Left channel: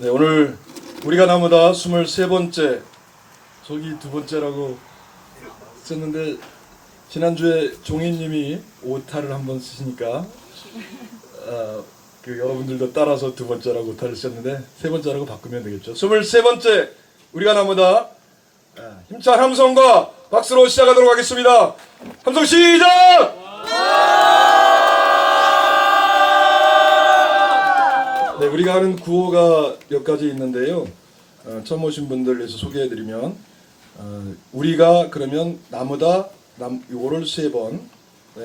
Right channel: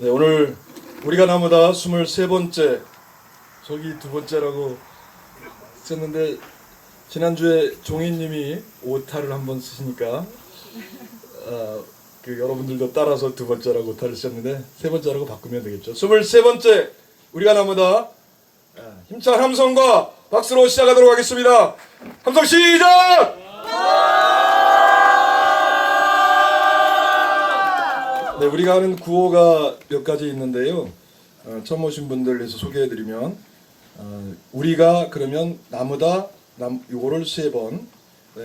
네, 오늘 우리가 나무다 23번째, 저기 두 번째라고 썼는데 지난주에 종이님이 오타를 한번 쓰시니까 여러분들도 따라서 두 번째라고 오타를 쓰셨는데 세 번째라고 바꾸면 되겠죠. 23번째 우리가 나무다 힘찬 함성과 박수로 시작하도록 하겠습니다. 함성 시작! 네, 우리가 하는 구호가 몇 가지 있는데요. 처음 오신 분들에서 소개해드리면 우리가 그러면 나무다 요거를 3번,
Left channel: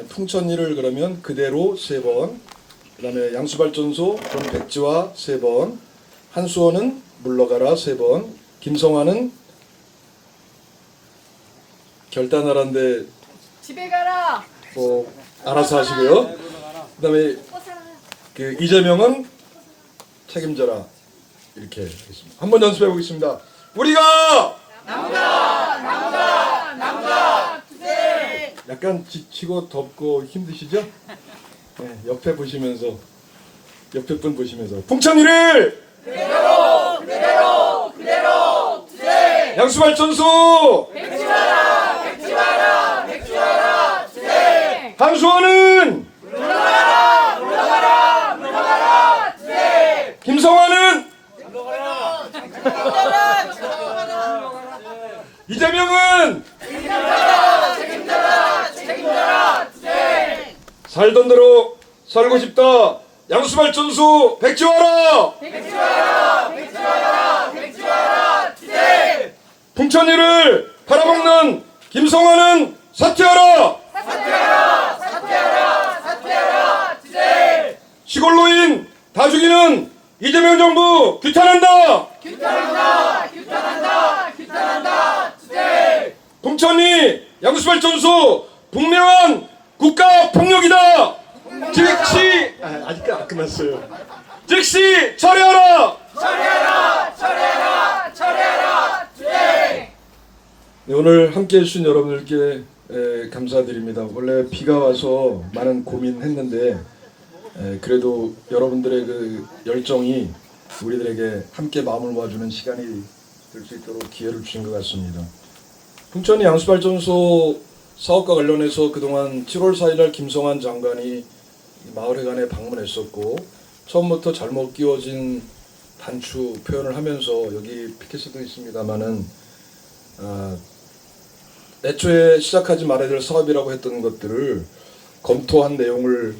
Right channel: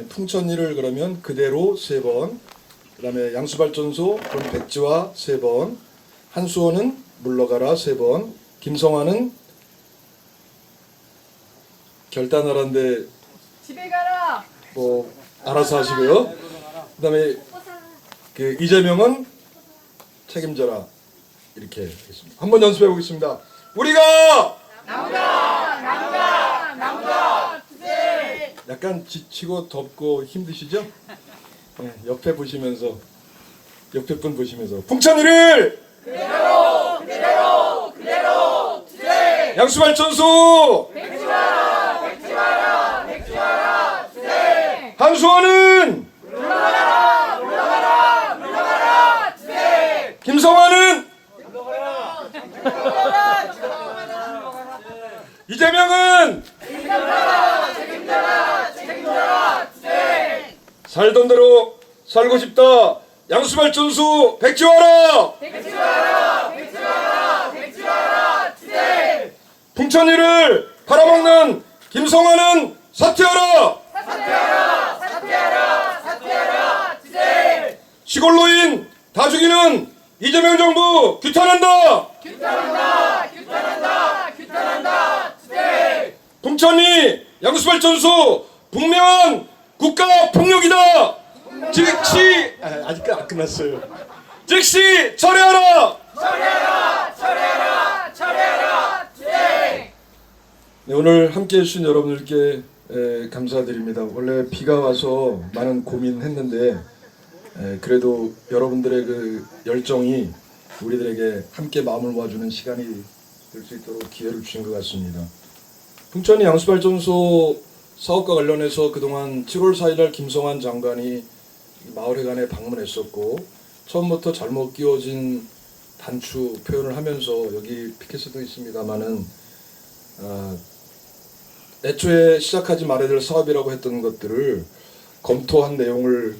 풍천리를 그러면 그대로 3번, 그 다음에 양수발전소 그럼 백지화 3번, 한수원은 물러가라 3번, 김성환은 결단하라는데 집에 가라. 뭐 알아서 하시고요. 그 다음에 이재명은 책임져라 이렇게 하겠습니다. 한번 연습해 보겠습니다. 우리가 남자 투쟁. 약간 지치고 덥고 힘드시죠? 네, 옆에 보시면서 옆에 분 보시면서 풍천리를 그대로 투쟁. 양수발전소 백지화라 투쟁. 한수원은 물러가라 투쟁. 김성환은 이재명은 책임져라 투쟁. 살던 대로 살고 싶다. 양수발전소 백지화라 투쟁. 풍천리를 팔아먹는 김성환은 사퇴하라 투쟁. 시골노인 다 죽이는 이재명 정부 규탄한다 투쟁. 풍천리 양수발전소 분명한 국가 폭력이다. 즉시 아직 안 끝났어요. 즉시 철회하라 투쟁. 네, 오늘 함께해 주신 여러분들께 감사드립니다. 원래 비가 와서 많은 고민했는데 그래도 여러분들의 그 열정이 우리들에게 함께 마음을 모아주는 시간이 될 수 있도록 기회를 주신 것 같습니다. 풍천리 양수발전소 사업과 관련해서 그동안 7월 4일날 김성환 장관이 마을회관에 방문했었고 처음부터 잘못 끼워진 단추 표현을 하면서 여기 피켓에도 있습니다마는 애초에 시작하지 말아야 될 사업이라고 했던 것들을 검토한 내용을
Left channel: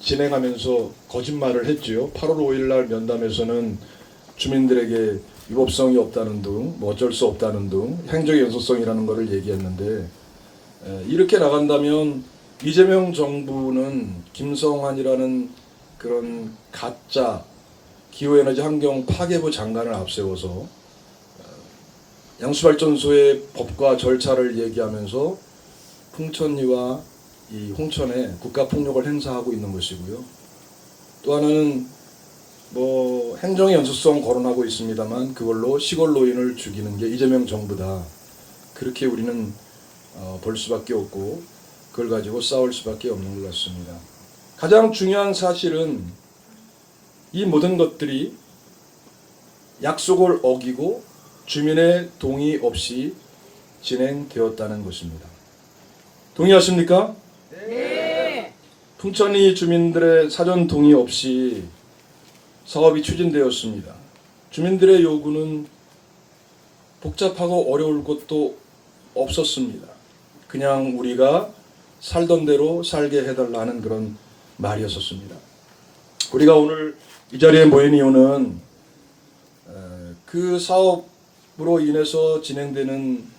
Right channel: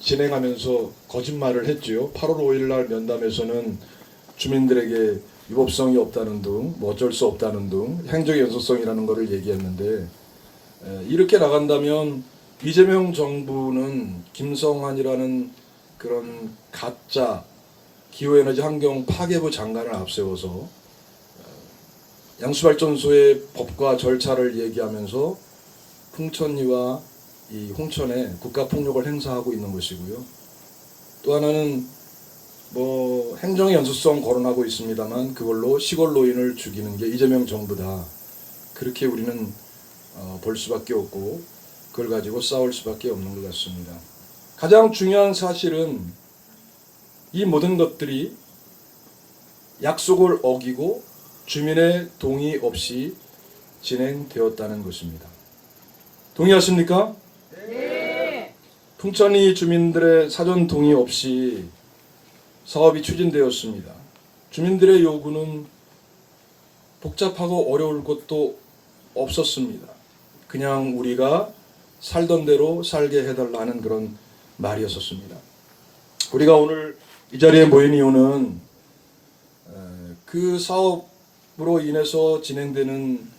진행하면서 거짓말을 했지요. 8월 5일날 면담에서는 주민들에게 위법성이 없다는 등, 뭐 어쩔 수 없다는 등 행정의 연소성이라는 것을 얘기했는데 이렇게 나간다면 이재명 정부는 김성환이라는 그런 가짜 기후에너지 환경 파괴부 장관을 앞세워서 양수발전소의 법과 절차를 얘기하면서 풍천리와 이 홍천에 국가폭력을 행사하고 있는 것이고요. 또 하나는 뭐 행정의 연소성 거론하고 있습니다만 그걸로 시골 노인을 죽이는 게 이재명 정부다. 그렇게 우리는 볼 수밖에 없고 그걸 가지고 싸울 수밖에 없는 것 같습니다. 가장 중요한 사실은 이 모든 것들이 약속을 어기고 주민의 동의 없이 진행되었다는 것입니다. 동의하십니까? 네. 풍천리 주민들의 사전 동의 없이 사업이 추진되었습니다. 주민들의 요구는 복잡하고 어려울 것도 없었습니다. 그냥 우리가 살던 대로 살게 해달라는 그런 말이었었습니다. 우리가 오늘 이 자리에 모인 이유는 그 사업으로 인해서 진행되는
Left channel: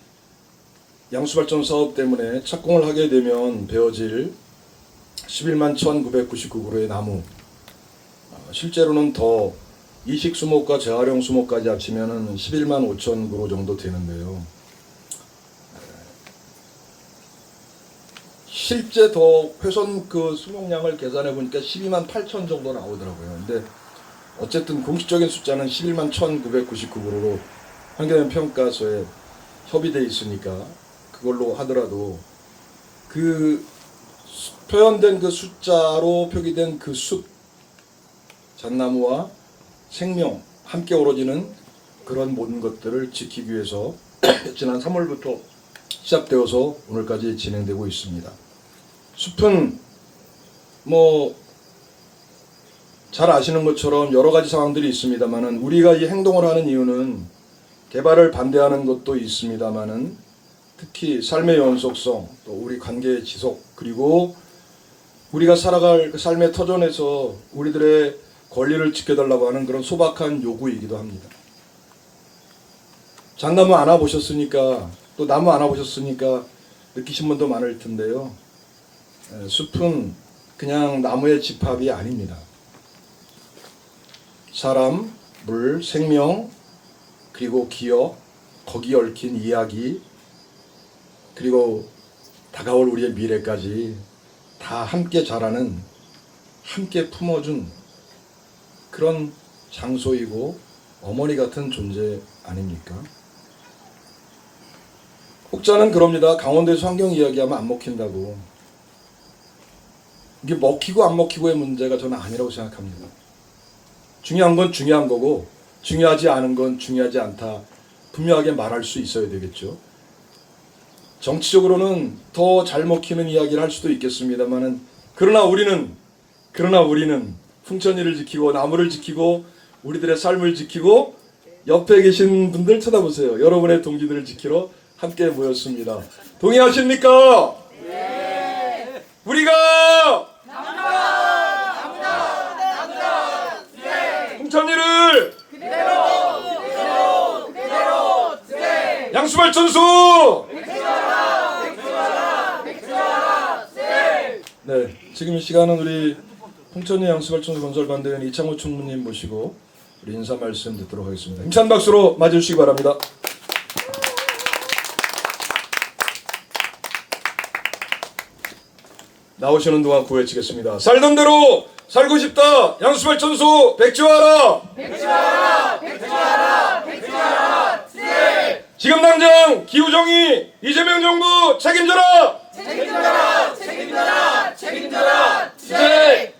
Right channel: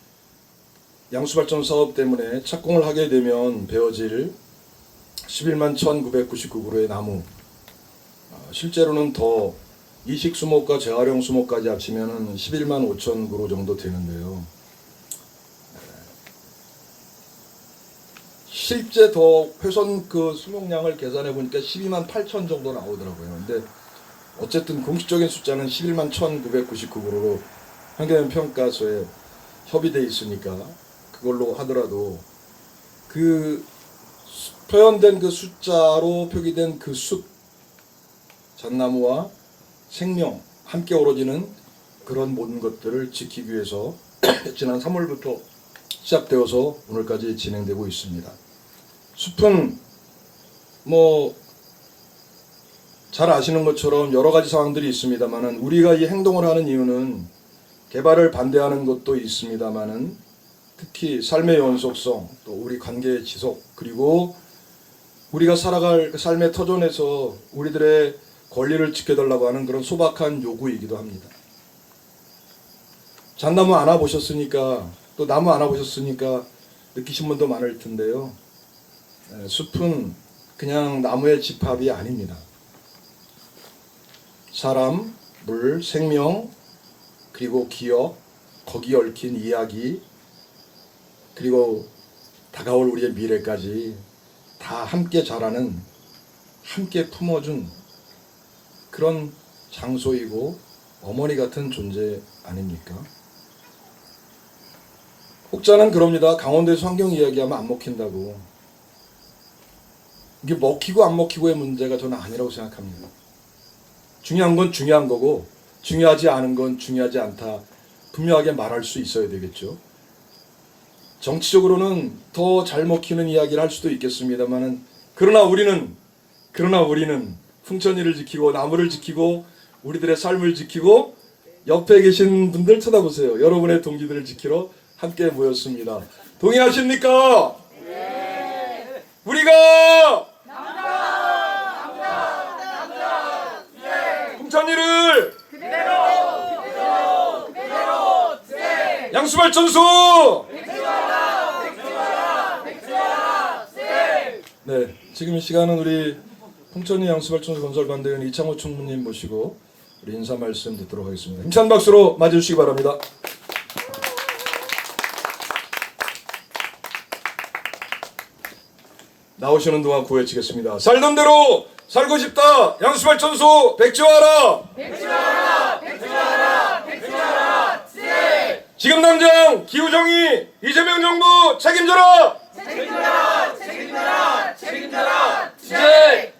양수발전 사업 때문에 착공을 하게 되면 베어질 11만 1999그루의 나무, 실제로는 더 이식 수목과 재활용 수목까지 합치면 11만 5천 그루 정도 되는데요. 실제 더 훼손 그 수목량을 계산해 보니까 12만 8천 정도 나오더라고요. 근데 어쨌든 공식적인 숫자는 11만 1999그루로 환경영향평가서에 협의되어 있으니까 그걸로 하더라도 그 표현된 그 숫자로 표기된 그 숲 잣나무와 생명 함께 어우러지는 그런 모든 것들을 지키기 위해서 지난 3월부터 시작되어서 오늘까지 진행되고 있습니다. 숲은 잘 아시는 것처럼 여러 가지 상황들이 있습니다만은 우리가 이 행동을 하는 이유는 개발을 반대하는 것도 있습니다만은 특히 삶의 연속성, 또 우리 관계의 지속, 그리고 우리가 살아갈 그 삶의 터전에서 우리들의 권리를 지켜달라고 하는 그런 소박한 요구이기도 합니다. 잣나무 안아보셨으니까, 또 나무 안아보셨으니까 느끼신 분도 많을 텐데요. 숲은 그냥 나무의 집합이 아닙니다. 사람, 물, 생명, 그리고 기억, 거기에 얽힌 이야기, 그리고 다가올 우리의 미래까지 다 함께 자라는, 함께 품어준 그런 장소이고 어머니 같은 존재 아닙니까? 혹자는 그럽니다. 강원도에서 환경 이야기하면 안 먹힌다고. 이게 먹히고 안 먹히고의 문제가 저는 아니라고 생각합니다. 중요한 건 중요한 거고 중요하지 않은 건 중요하지 않다. 분명하게 말할 수 있어야 되겠죠. 정치적으로는 더 잘 먹히는 이야기를 할 수도 있겠습니다만은 그러나 우리는 풍천이를 지키고 나무를 지키고 우리들의 삶을 지키고 옆에 계신 분들 쳐다보세요. 여러분의 동기들을 지키러 함께 모였습니다. 동의하십니까? 네. 우리가 풍천이를 그대로 양수발전소 네, 지금 이 시간은 우리 풍천리 양수발전소 건설반대원 이창호 총무님 모시고 우리 인사 말씀 듣도록 하겠습니다. 힘찬 박수로 맞이해주시기 바랍니다. 나오시는 동안 구해치겠습니다. 살던 대로 살고 싶다. 양수발전소 백지화하라. 백지화하라. 지금 당장 기후정의 이재명 정부 책임져라. 책임져라. 네.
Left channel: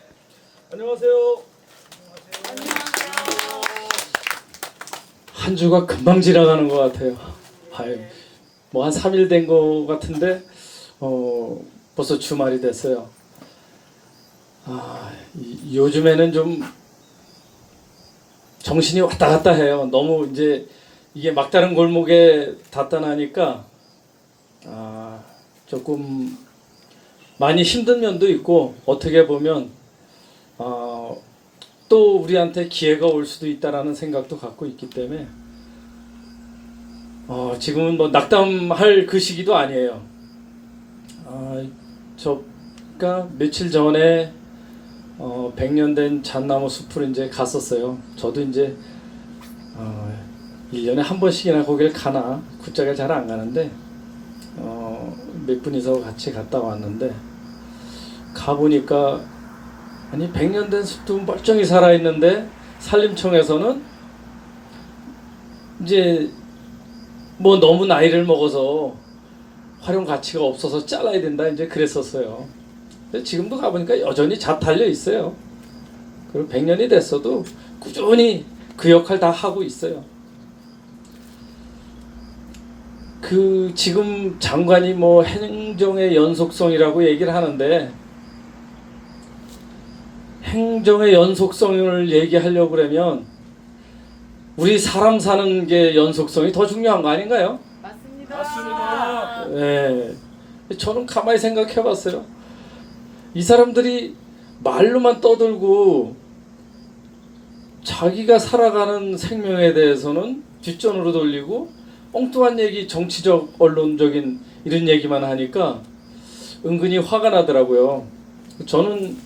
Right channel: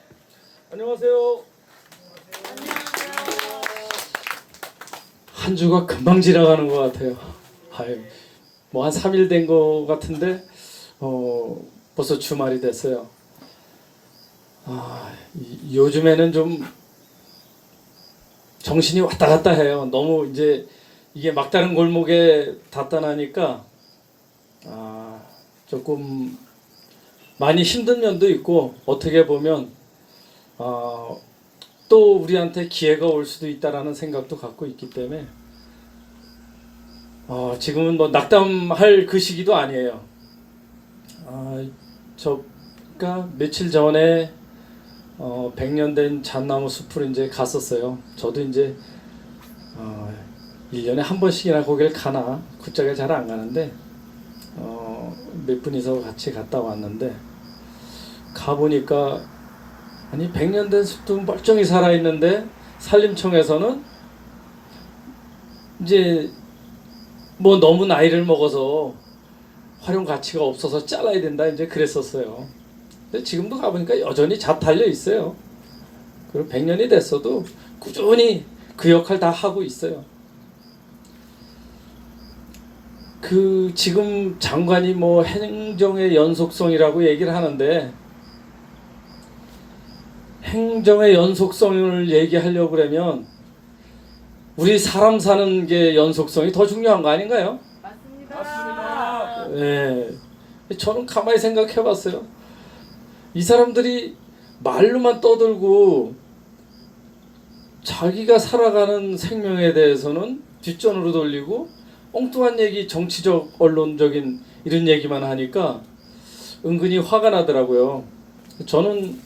안녕하세요. 한 주가 금방 지나가는 것 같아요. 뭐 한 3일 된 것 같은데 벌써 주말이 됐어요. 요즘에는 좀 정신이 왔다 갔다 해요. 너무 이제 이게 막다른 골목에 닿다 나니까 조금 많이 힘든 면도 있고 어떻게 보면 또 우리한테 기회가 올 수도 있다라는 생각도 갖고 있기 때문에 지금은 뭐 낙담할 그 시기도 아니에요. 저가 며칠 전에 100년 된 잣나무 숲을 이제 갔었어요. 저도 이제 1년에 한 번씩이나 거길 가나 굿자가 잘 안 가는데 몇 분이서 같이 갔다 왔는데 가보니까 아니 100년 된 숲도 멀쩡히 살아있는데 산림청에서는 이제 뭐 너무 나이를 먹어서 활용 가치가 없어서 잘라야 된다 이제 그랬었어요. 근데 지금도 가보니까 여전히 잣 달려 있어요. 그리고 100년이 됐어도 꾸준히 그 역할 다 하고 있어요. 지금 장관이 뭐 행정의 연속성이라고 얘기를 하는데 행정의 연속성을 얘기하려고 그러면 우리 사람 사는 게 연속성이 더 중요한 거 아닌가요? 맞습니다. 네. 저는 가만히 생각해 봤어요. 이 사람들이 말로만 떠들고 자기가 살아가는 생명에 대해서는 뒷전으로 돌리고 엉뚱한 얘기, 정치적, 언론적인 이런 얘기만 하니까 은근히 화가 나더라고요. 저는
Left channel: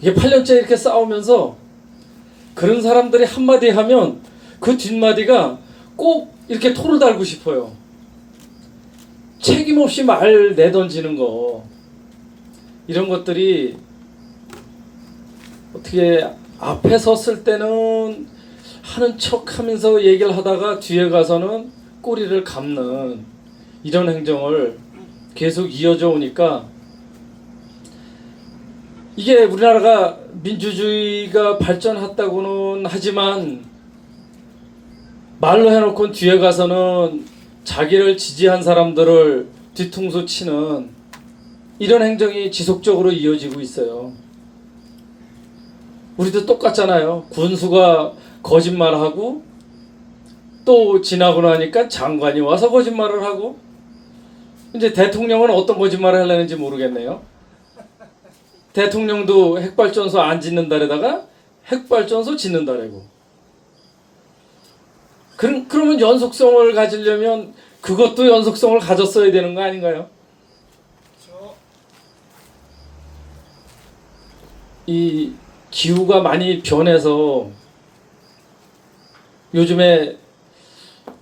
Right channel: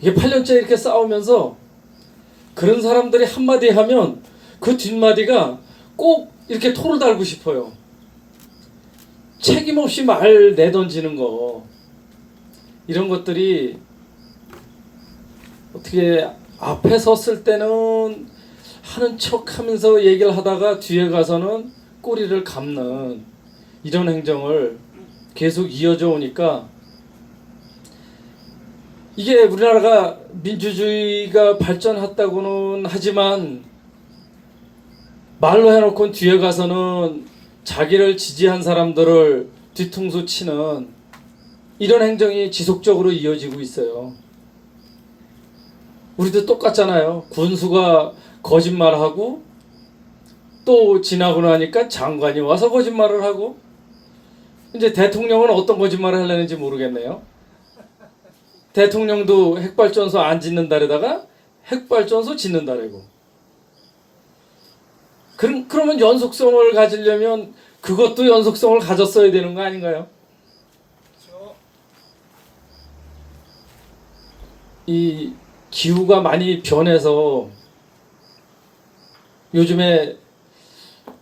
이게 8년째 이렇게 싸우면서 그런 사람들이 한마디 하면 그 뒷마디가 꼭 이렇게 토를 달고 싶어요. 책임 없이 말 내던지는 거 이런 것들이 어떻게 앞에 섰을 때는 하는 척하면서 얘기를 하다가 뒤에 가서는 꼬리를 감는 이런 행정을 계속 이어져 오니까 이게 우리나라가 민주주의가 발전했다고는 하지만 말로 해놓고 뒤에 가서는 자기를 지지한 사람들을 뒤통수 치는 이런 행정이 지속적으로 이어지고 있어요. 우리도 똑같잖아요. 군수가 거짓말하고 또 지나고 나니까 장관이 와서 거짓말을 하고, 이제 대통령은 어떤 거짓말을 하려는지 모르겠네요. 대통령도 핵발전소 안 짓는다래다가 핵발전소 짓는다래고. 그러면 연속성을 가지려면 그것도 연속성을 가졌어야 되는 거 아닌가요? 이 기후가 많이 변해서 요즘에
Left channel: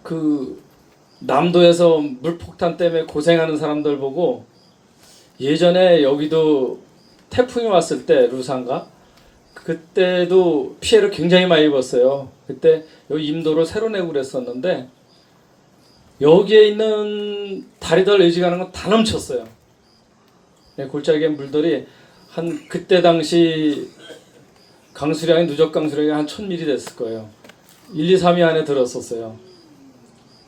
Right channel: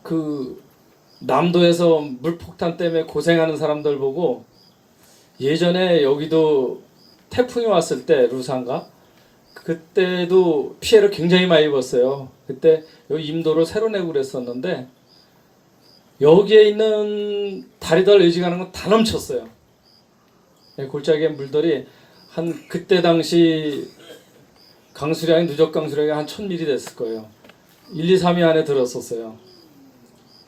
그 남도에서 물폭탄 때문에 고생하는 사람들 보고, 예전에 여기도 태풍이 왔을 때 루산가 그때도 피해를 굉장히 많이 입었어요. 그때 여기 임도를 새로 내고 그랬었는데 여기에 있는 다리들 의지가는 건 다 넘쳤어요. 골짜기의 물들이 한 그때 당시 강수량이 누적 강수량이 한 1000mm 됐을 거예요. 1, 2, 3위 안에 들었었어요.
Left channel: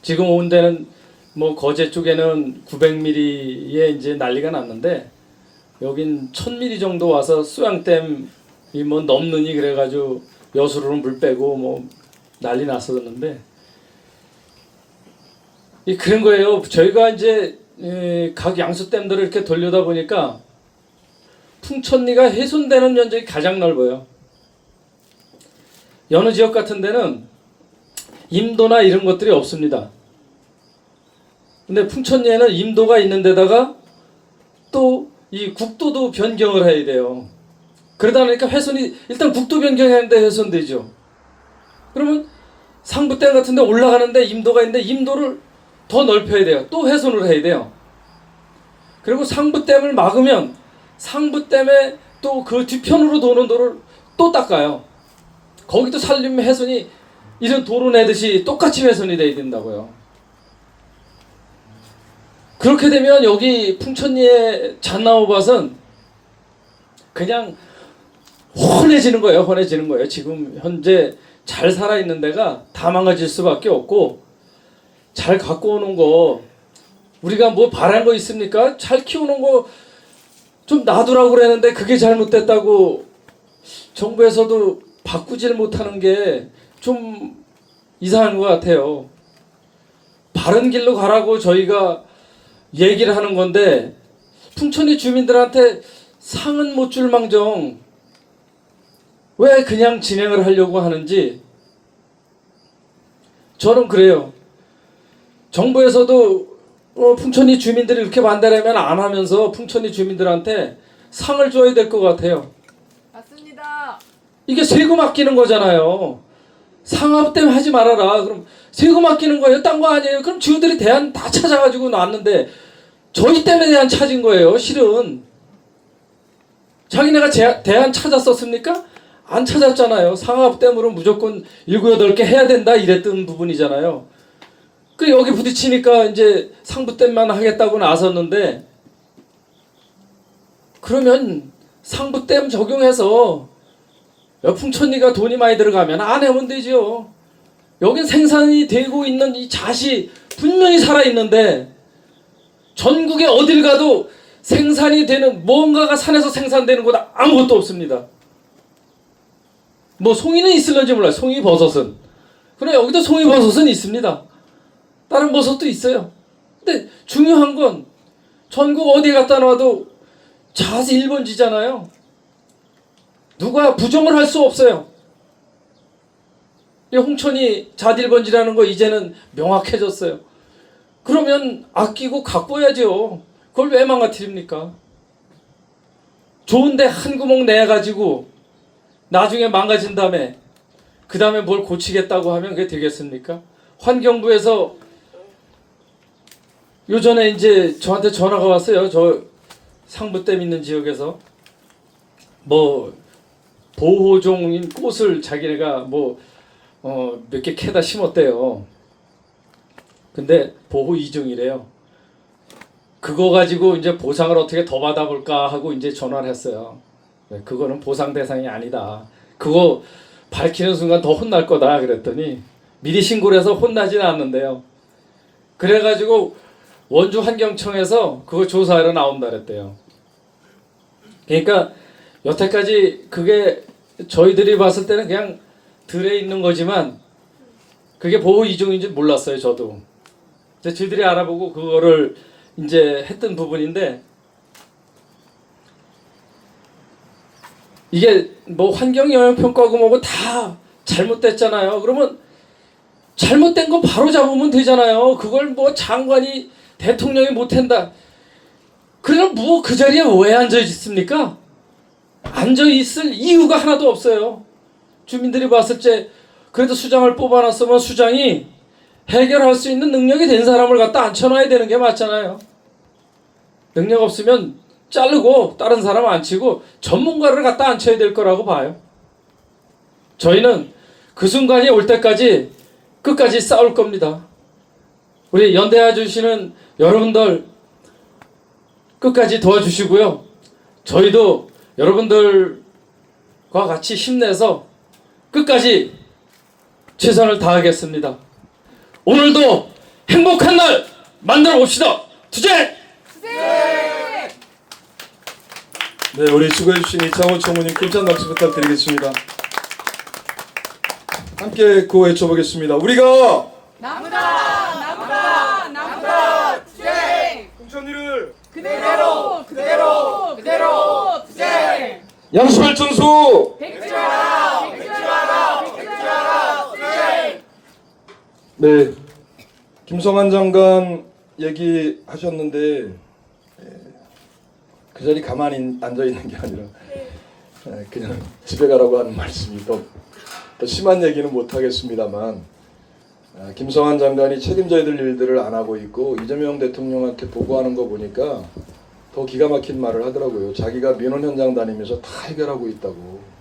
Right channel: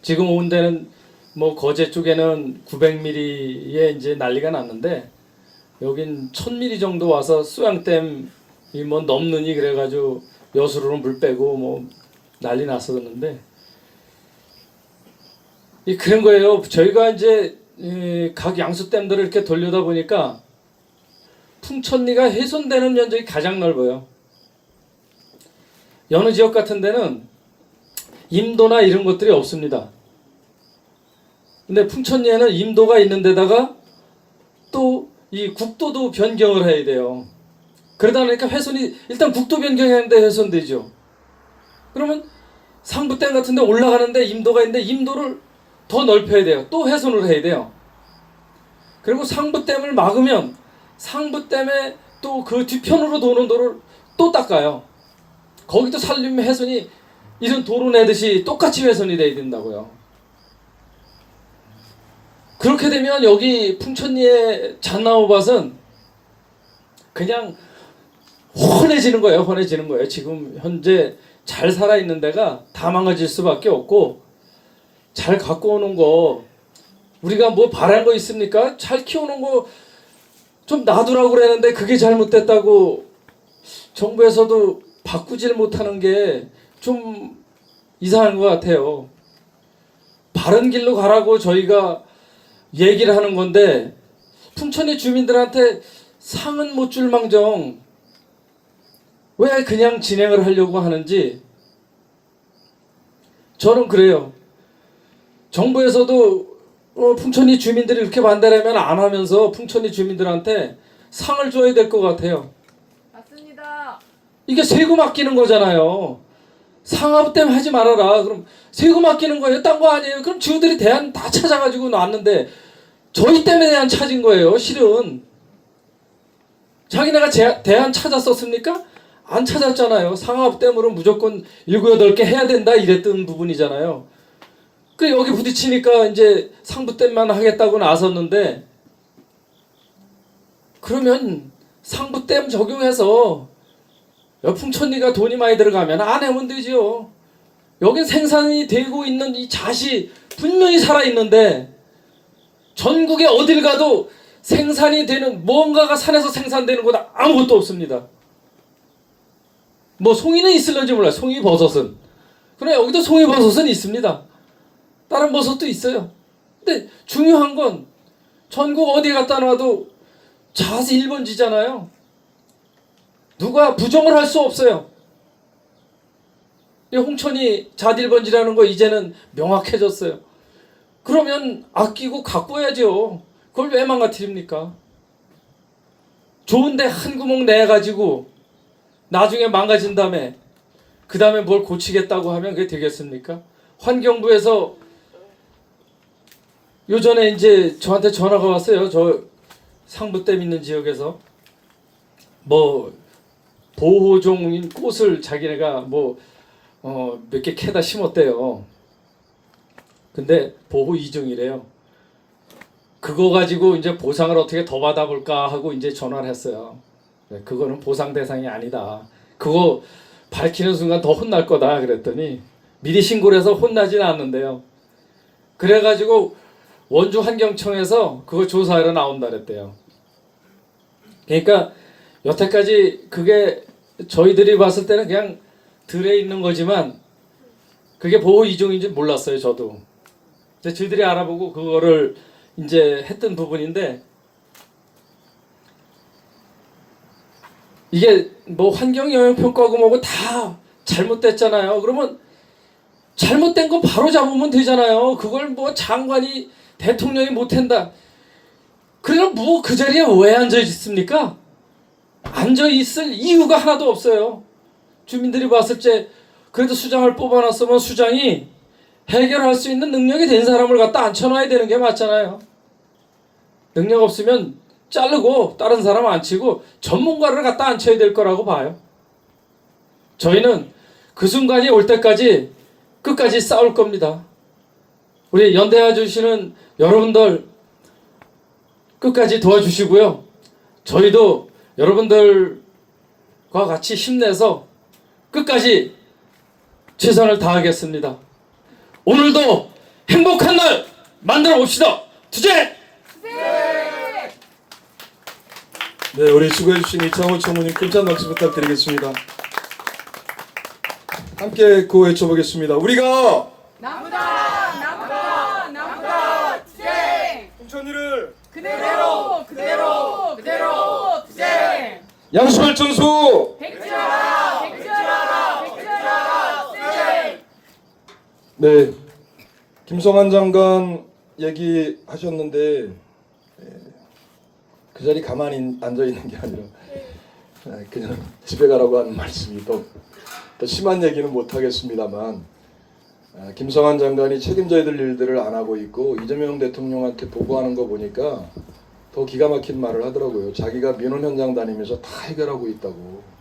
지금 온 데는 뭐 거제 쪽에는 900mm에 이제 난리가 났는데 여긴 1000mm 정도 와서 수양댐이 뭐 넘느니 그래가지고 여수로는 물 빼고 뭐 난리 났었는데, 그런 거예요. 저희가 이제 각 양수댐들을 이렇게 돌려다 보니까 풍천리가 훼손되는 면적이 가장 넓어요. 여느 지역 같은 데는 임도나 이런 것들이 없습니다. 근데 풍천리에는 임도가 있는 데다가 또 이 국도도 변경을 해야 돼요. 그러다 보니까 훼손이, 일단 국도 변경하는데 훼손되죠. 그러면 상부댐 같은 데 올라가는데 임도가 있는데 임도를 더 넓혀야 돼요. 또 훼손을 해야 돼요. 그리고 상부댐을 막으면 상부댐에 또 그 뒤편으로 도는 도를 또 닦아요. 거기도 산림 훼손이 이런 도로 내듯이 똑같이 훼손이 돼야 된다고요. 그렇게 되면 여기 풍천리의 잣나무밭은 그냥 훤해지는 거예요. 훤해지는 거예요. 지금 현재 잘 살아있는 데가 다 망가질 수밖에 없고, 잘 갖고 오는 거 우리가 뭐 바랄 거 있습니까? 잘 키우는 거 좀 놔두라고 그랬는데 그게 잘못됐다고 정부에서도 바꾸질 못하는 게 좀 이상한 것 같아요. 바른 길로 가라고 저희가 얘기를 하는 건데 풍천리 주민들한테 상은 못 줄 망정 왜 그냥 진행을 하려고 하는지 저는 그래요. 정부에서도 풍천리 주민들이 이렇게 반대하면 안 하면서 풍천리 주민들한테 상을 줘야 될 것 같아요. 맞습니다. 이게 세금 아끼는 거잖아요. 상업 때문에 하지 말아라. 그럼 세금 아끼는 거예요? 딴 거 아니에요? 그럼 지우들이 대안 다 찾아가지고 놨는데 저희 때문에 대안 찾은 거예요. 실은 자기네가 대안 찾았었습니까? 안 찾았잖아요. 상업 때문에 무조건 7, 8개 해야 된다 이랬던 부분이잖아요. 그 여기 부딪히니까 이제 상부댐만 하겠다고 나섰는데, 그러면 상부댐 적용해서 풍천리가 돈이 많이 들어가면 안 해면 되죠. 여긴 생산이 되고 있는 이 잣이 분명히 살아있는데 전국에 어딜 가도 생산이 되는 뭔가가 산에서 생산되는 곳 아무것도 없습니다. 뭐 송이는 있을런지 몰라요. 송이버섯은. 그러나 여기도 송이버섯은 있습니다. 다른 버섯도 있어요. 근데 중요한 건 전국 어디 갖다 놔도 잣이 1번지잖아요. 누가 부정을 할 수 없어요. 홍천이 잣 1번지라는 거 이제는 명확해졌어요. 그러면 아끼고 가꿔야죠. 그걸 왜 망가뜨립니까? 좋은데 한 구멍 내가지고 나중에 망가진 다음에 그 다음에 뭘 고치겠다고 하면 그게 되겠습니까? 환경부에서 요전에 이제 저한테 전화가 왔어요. 저 상부댐 있는 지역에서 뭐 보호종인 꽃을 자기네가 뭐 몇 개 캐다 심었대요. 근데 보호 2종이래요. 그거 가지고 이제 보상을 어떻게 더 받아볼까 하고 이제 전화를 했어요. 그거는 보상 대상이 아니다. 그거 밝히는 순간 더 혼날 거다 그랬더니 미리 신고를 해서 혼나지는 않는데요. 그래가지고 원주 환경청에서 그거 조사하러 나온다 그랬대요. 그러니까 여태까지 그게 저희들이 봤을 때는 그냥 들에 있는 거지만 그게 보호 이종인지 몰랐어요, 저도. 근데 저희들이 알아보고 그거를 이제 했던 부분인데, 이게 뭐 환경영향평가고 뭐고 다 잘못됐잖아요. 그러면 잘못된 거 바로 잡으면 되잖아요. 그걸 뭐 장관이 대통령이 못한다. 그럼 뭐 그 자리에 왜 앉아 있습니까? 앉아 있을 이유가 하나도 없어요. 주민들이 봤을 때 그래도 수장을 뽑아놨으면 수장이 해결할 수 있는 능력이 된 사람을 갖다 앉혀놔야 되는 게 맞잖아요. 능력 없으면 자르고 다른 사람 앉히고 전문가를 갖다 앉혀야 될 거라고 봐요. 저희는 그 순간이 올 때까지 끝까지 싸울 겁니다. 우리 연대해 주시는 여러분들 끝까지 도와주시고요. 저희도 여러분들과 같이 힘내서 끝까지 최선을 다하겠습니다. 오늘도 행복한 날 만들어 봅시다. 투쟁! 네, 우리 수고해 주신 이창호 총무님 끔찍한 박수 부탁드리겠습니다. 함께 구호 외쳐보겠습니다. 우리가 나무다 투쟁 공천이를 그대로 투쟁 양심을 증수. 백지화라 투쟁. 네, 김성한 장관 얘기하셨는데 그 자리 가만히 앉아 있는 게 아니라 그냥 집에 가라고 하는 말씀이 더 심한 얘기는 못 하겠습니다만, 김성한 장관이 책임져야 될 일들을 안 하고 있고 이재명 대통령한테 보고하는 거 보니까 더 기가 막힌 말을 하더라고요. 자기가 민원 현장 다니면서 다 해결하고 있다고.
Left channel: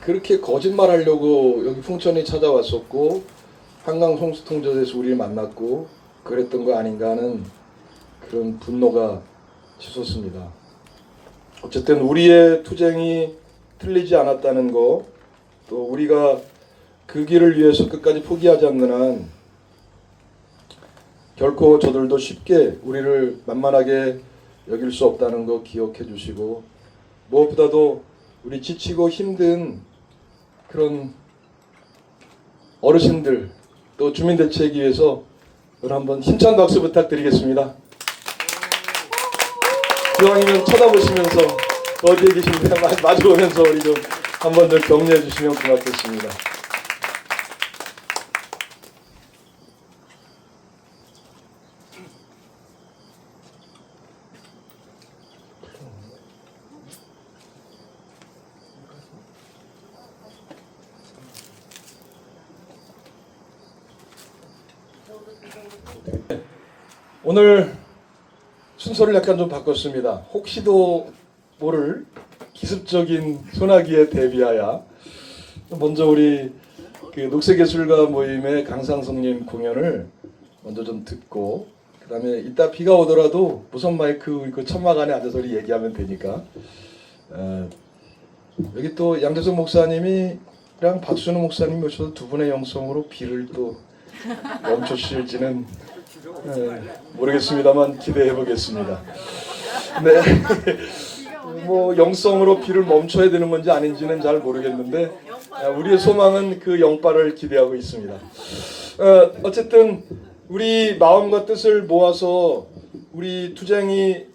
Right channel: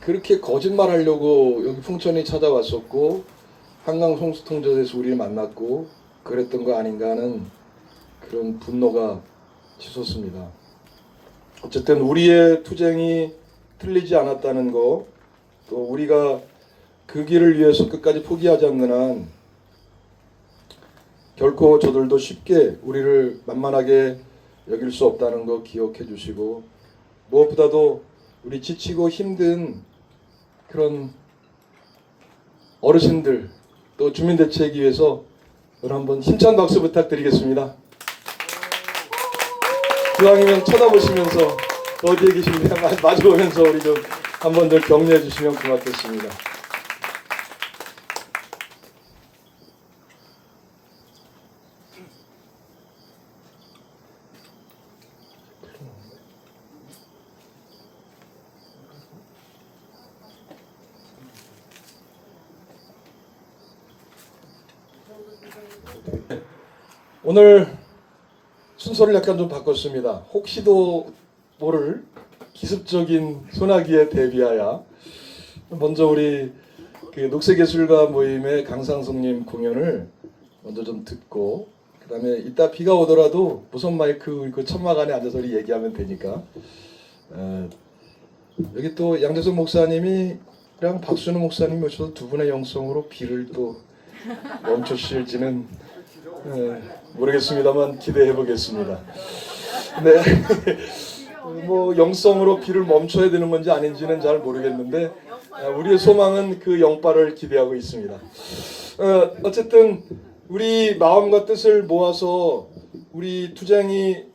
그렇게 거짓말하려고 여기 풍천이 찾아왔었고 한강 홍수통제소에서 우리를 만났고 그랬던 거 아닌가 하는 그런 분노가 치솟습니다. 어쨌든 우리의 투쟁이 틀리지 않았다는 거, 또 우리가 그 길을 위해서 끝까지 포기하지 않는 한 결코 저들도 쉽게 우리를 만만하게 여길 수 없다는 거 기억해 주시고, 무엇보다도 우리 지치고 힘든 그런 어르신들 또 주민대책위에서 오늘 한번 힘찬 박수 부탁드리겠습니다. 기왕이면 쳐다보시면서 어디에 계십니까? 마주보면서 우리 좀 한 번 더 격려해 주시면 고맙겠습니다. 오늘 순서를 약간 좀 바꿨습니다. 혹시도 모를 기습적인 소나기에 대비하여 먼저 우리 그 녹색예술가 모임의 강상성님 공연을 먼저 좀 듣고, 그 다음에 이따 비가 오더라도 무선 마이크 그 천막 안에 앉아서 우리 얘기하면 되니까, 여기 또 양재석 목사님이랑 박순우 목사님이 오셔서 두 분의 영성으로 비를 또 멈추실지는 모르겠습니다만 기대해 보겠습니다. 네. 뭐 영성으로 비를 멈춰야 되는 건지 아닌지는 잘 모르겠는데 우리의 소망은 그 영바를 기대하고 있습니다. 어쨌든 우리 마음과 뜻을 모아서 우리 투쟁이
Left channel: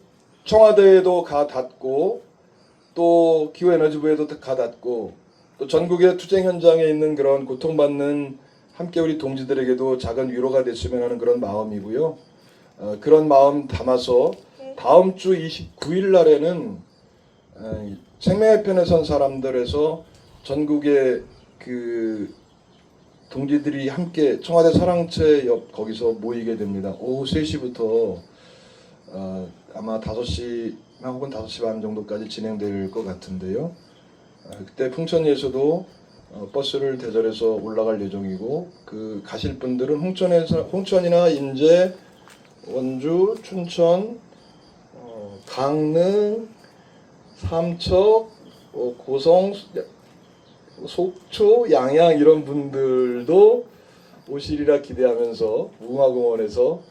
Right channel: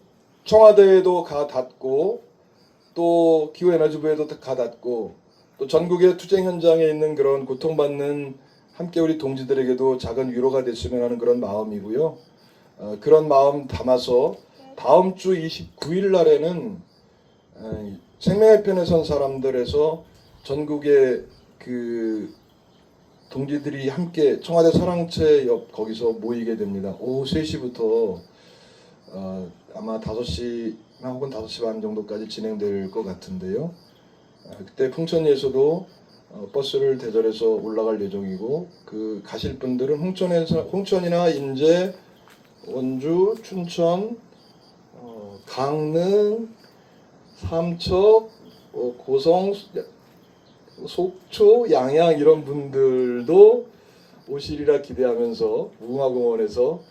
청와대에도 가 닿고 또 기후에너지부에도 가 닿고 또 전국의 투쟁 현장에 있는 그런 고통받는 함께 우리 동지들에게도 작은 위로가 됐으면 하는 그런 마음이고요. 그런 마음 담아서 다음 주 29일 날에는 생명의 편에 선 사람들에서 전국의 그 동지들이 함께 청와대 사랑채 옆 거기서 모이게 됩니다. 오후 3시부터 아마 5시나 혹은 5시 반 정도까지 진행될 것 같은데요. 그때 풍천리에서도 버스를 대절해서 올라갈 예정이고, 그 가실 분들은 홍천이나 인제, 원주, 춘천, 강릉, 삼척, 고성, 속초, 양양 이런 분들도 오시리라 기대하면서 무궁화공원에서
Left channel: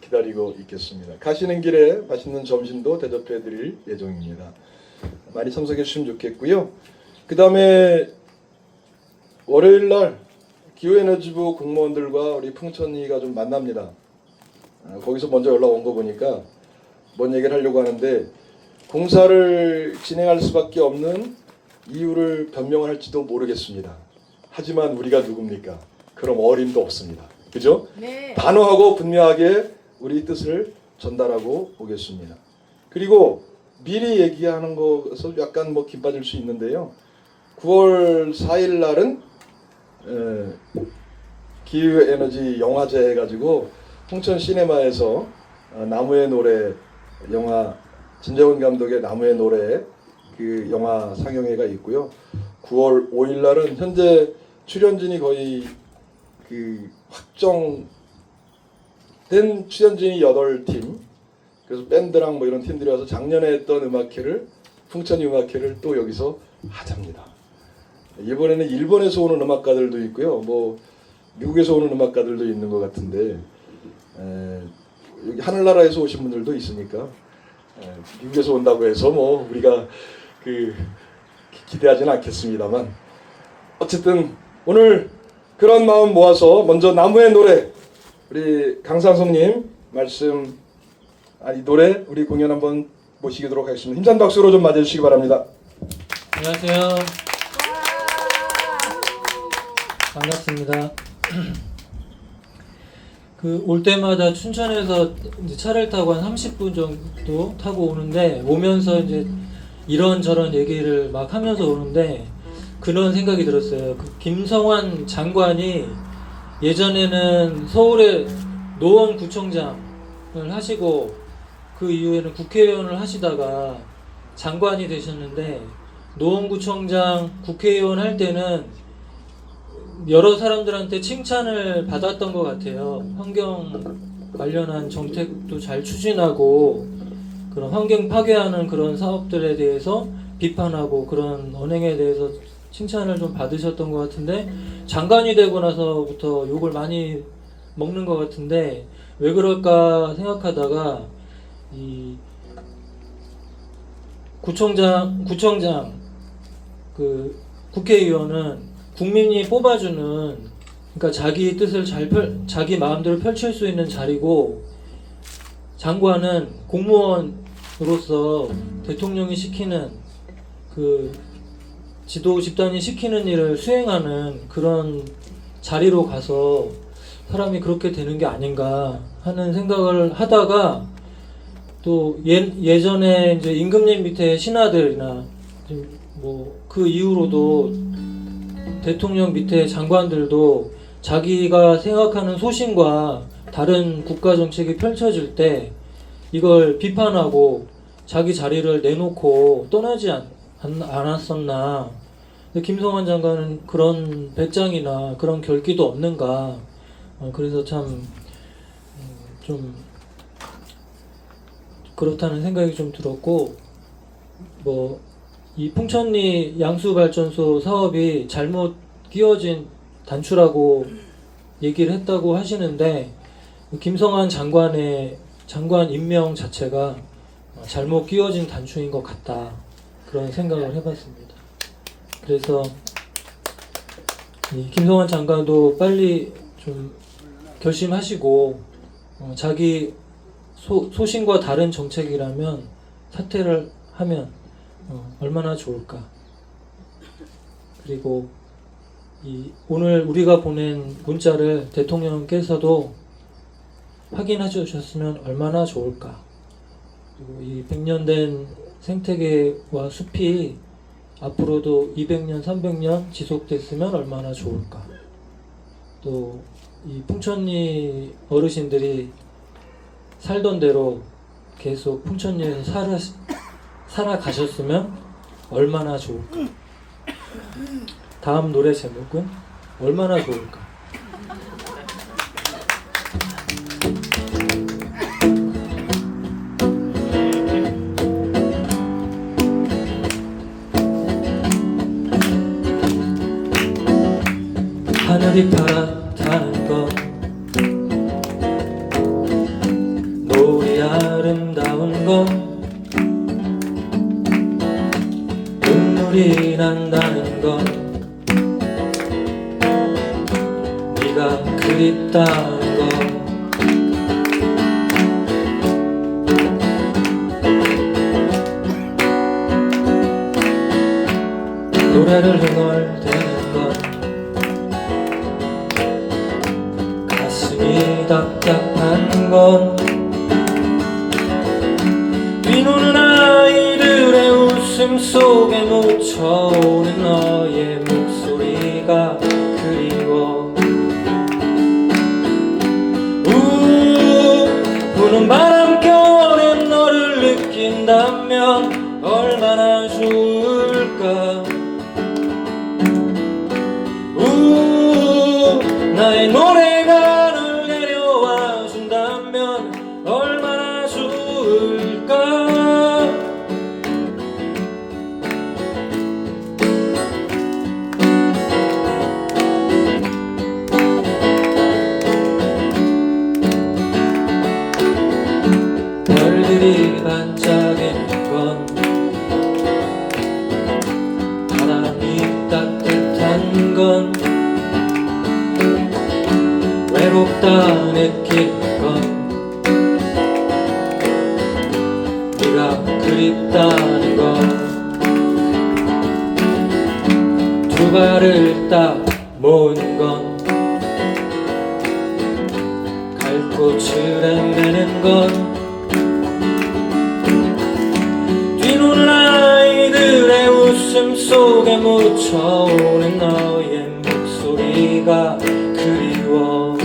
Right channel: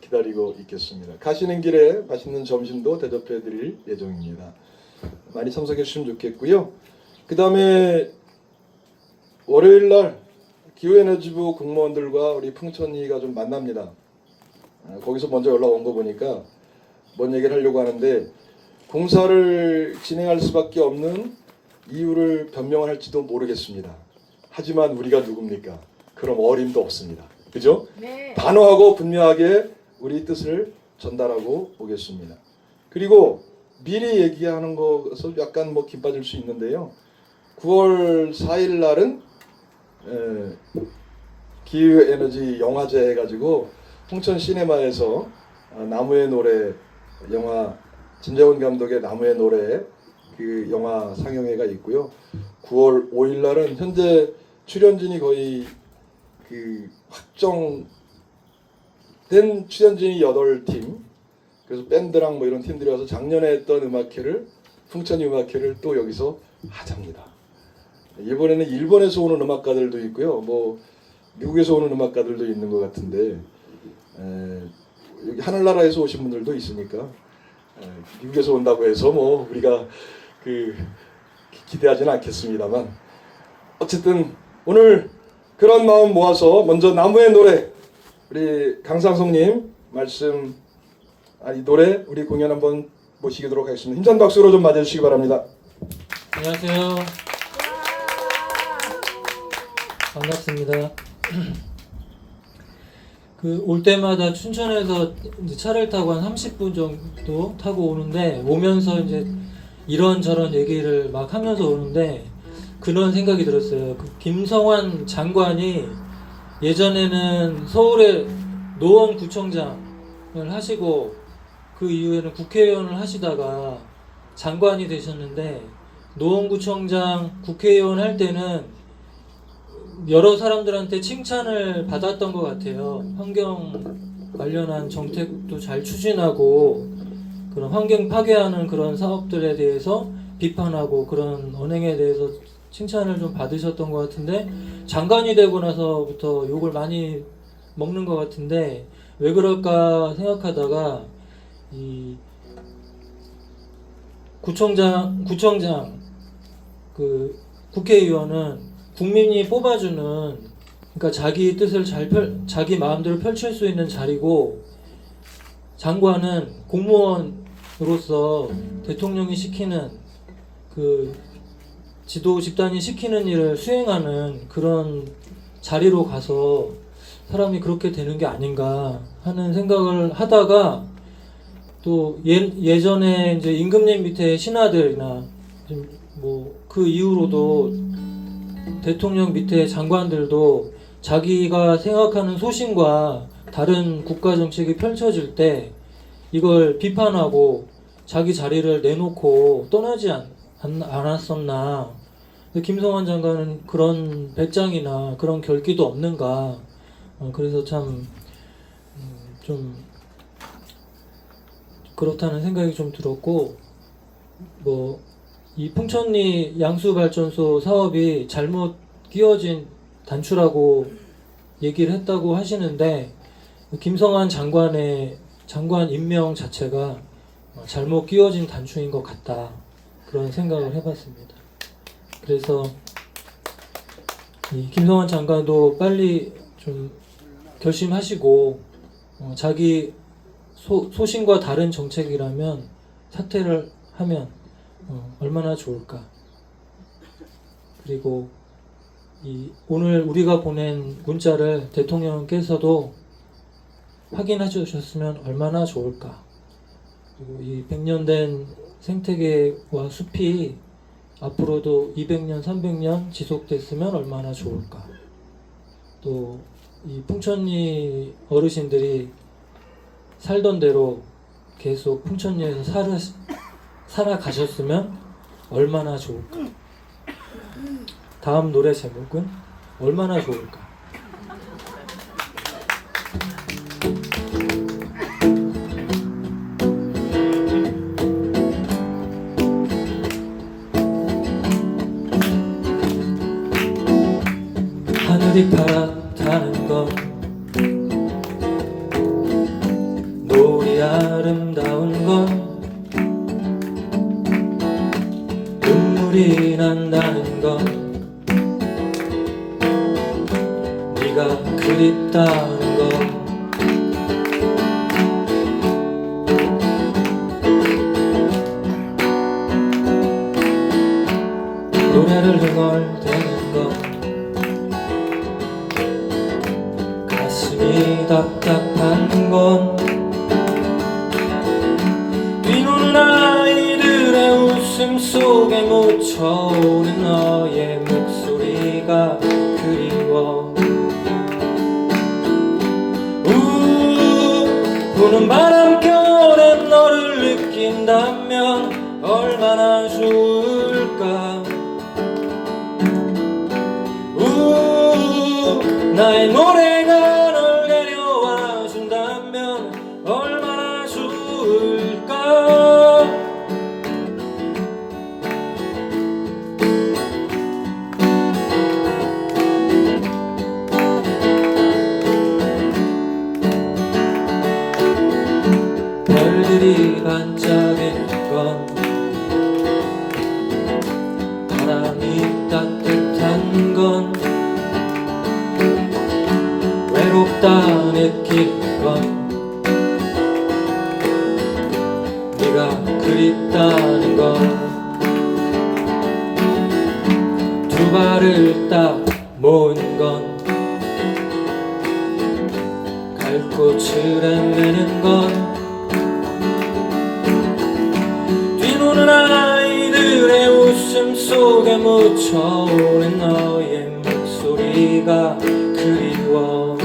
기다리고 있겠습니다. 가시는 길에 맛있는 점심도 대접해 드릴 예정입니다. 많이 참석해 주시면 좋겠고요. 그 다음에 월요일날 기후에너지부 공무원들과 우리 풍천이가 좀 만납니다. 거기서 먼저 연락 온 거 보니까 뭔 얘기를 하려고 하는데 공사를 진행할 수밖에 없는 이유를 변명할지도 모르겠습니다. 하지만 우리가 누굽니까? 그럼 어림도 없습니다. 그죠? 네. 단호하고 분명하게 우리 뜻을 전달하고 오겠습니다. 그리고 미리 얘기하는 것에서 약간 김 빠질 수 있는데요. 9월 4일 날은 기후에너지 영화제 해가지고 홍천 시네마에서 나무의 노래 영화 진재원 감독의 나무의 노래 그 영화 상영회가 있고요. 9월 5일 날은 현재 출연진이 거의 그 확정된 출연진이 8팀, 그래서 밴드랑 뭐 이런 팀들이 와서 작년에 했던 음악회를 풍천이 음악회를 또 여기서 하자입니다. 이번에는 일본에서 오는 음악가들도 있고요. 뭐 미국에서 오는 음악가들도 있는 것 같은데 여기 하늘나라에서 오신 분들도 있으니까 미국에서 온다고 해서 뭐 우리가 기대하지는 않겠습니다만 어쨌든 오늘 그런 마음 모아서 먼저 나무의 노래 우리 강상성님 말씀 노래 우리 공연 한번 모시도록 하겠습니다. 힘찬 박수로 좀 맞아주시기 바랍니다. 안녕하세요. 반갑습니다. 올 때마다 춘천에서 이제 차를 타고 한 30분 정도 타고 오는데 오면서 이제 이런저런 얘기를 막 하면서 오는데 그런 생각이 들었어요. 김성환 장관이 예전에는 서울의 노원구청장을 하시고 그 이후에는 국회의원을 하시다가 장관이 되셨는데 노원구청장 국회의원 할 때는 여러 사람들한테 칭찬을 받았던 것 같아요. 환경 관련한 정책도 잘 추진하고 그런 환경 파괴하는 그런 사업들에 대해서 비판하고 그런 언행에 대해서 칭찬을 좀 받으셨던 것 같은데 장관이 되고 나서부터 욕을 많이 먹는 것 같은데 왜 그럴까 생각하다가 이 구청장 그 국회의원은 국민이 뽑아주는 그러니까 자기 뜻을 자기 마음대로 펼칠 수 있는 자리고 장관은 공무원으로서 대통령이 시키는 그 지도 집단이 시키는 일을 수행하는 그런 자리로 가서 사람이 그렇게 되는 게 아닌가 하는 생각을 하다가 또 예전에 이제 임금님 밑에 신하들이나 뭐 그 이후로도 대통령 밑에 장관들도 자기가 생각하는 소신과 다른 국가 정책이 펼쳐질 때 이걸 비판하고 자기 자리를 내놓고 떠나지 않았었나. 김성환 장관은 그런 배짱이나 그런 결기도 없는가. 그래서 참 좀 그렇다는 생각이 좀 들었고 뭐 이 풍천리 양수발전소 사업이 잘못 끼워진 단추라고 얘기를 했다고 하시는데 김성환 장관 임명 자체가 잘못 끼워진 단추인 것 같다 그런 생각을 해봤습니다. 그래서 이 김성환 장관도 빨리 좀 결심하시고 자기 소신과 다른 정책이라면 사퇴를 하면 얼마나 좋을까. 그리고 오늘 우리가 보낸 문자를 대통령께서도 확인해 주셨으면 얼마나 좋을까. 그리고 이 100년 된 생태계와 숲이 앞으로도 200년, 300년 지속됐으면 얼마나 좋을까. 또 이 풍천리 어르신들이 살던 대로 계속 풍천리에서 살아가셨으면 얼마나 좋을까. 다음 노래 제목은 얼마나 좋을까. 눈물이 난다는 건 네가 그립다는 건 노래를 흥얼대는 건 가슴이 답답한 건 뛰노는 아이들의 웃음 속에 묻혀오는 너의 목소리가 그리워 부는 바람결에 너를 느낀다면 얼마나 좋을까 나의 노래가 널 내려와 준다면 얼마나 좋을까 별들이 반짝이는 건 바람이 따뜻한 건 외롭다 느끼는 건 네가 그립다는 건 두 발을 딱 모은 건 갈꽃을 헤매는 건 뛰노는 아이들의 웃음 속에 묻혀오는 너의 목소리가 그리워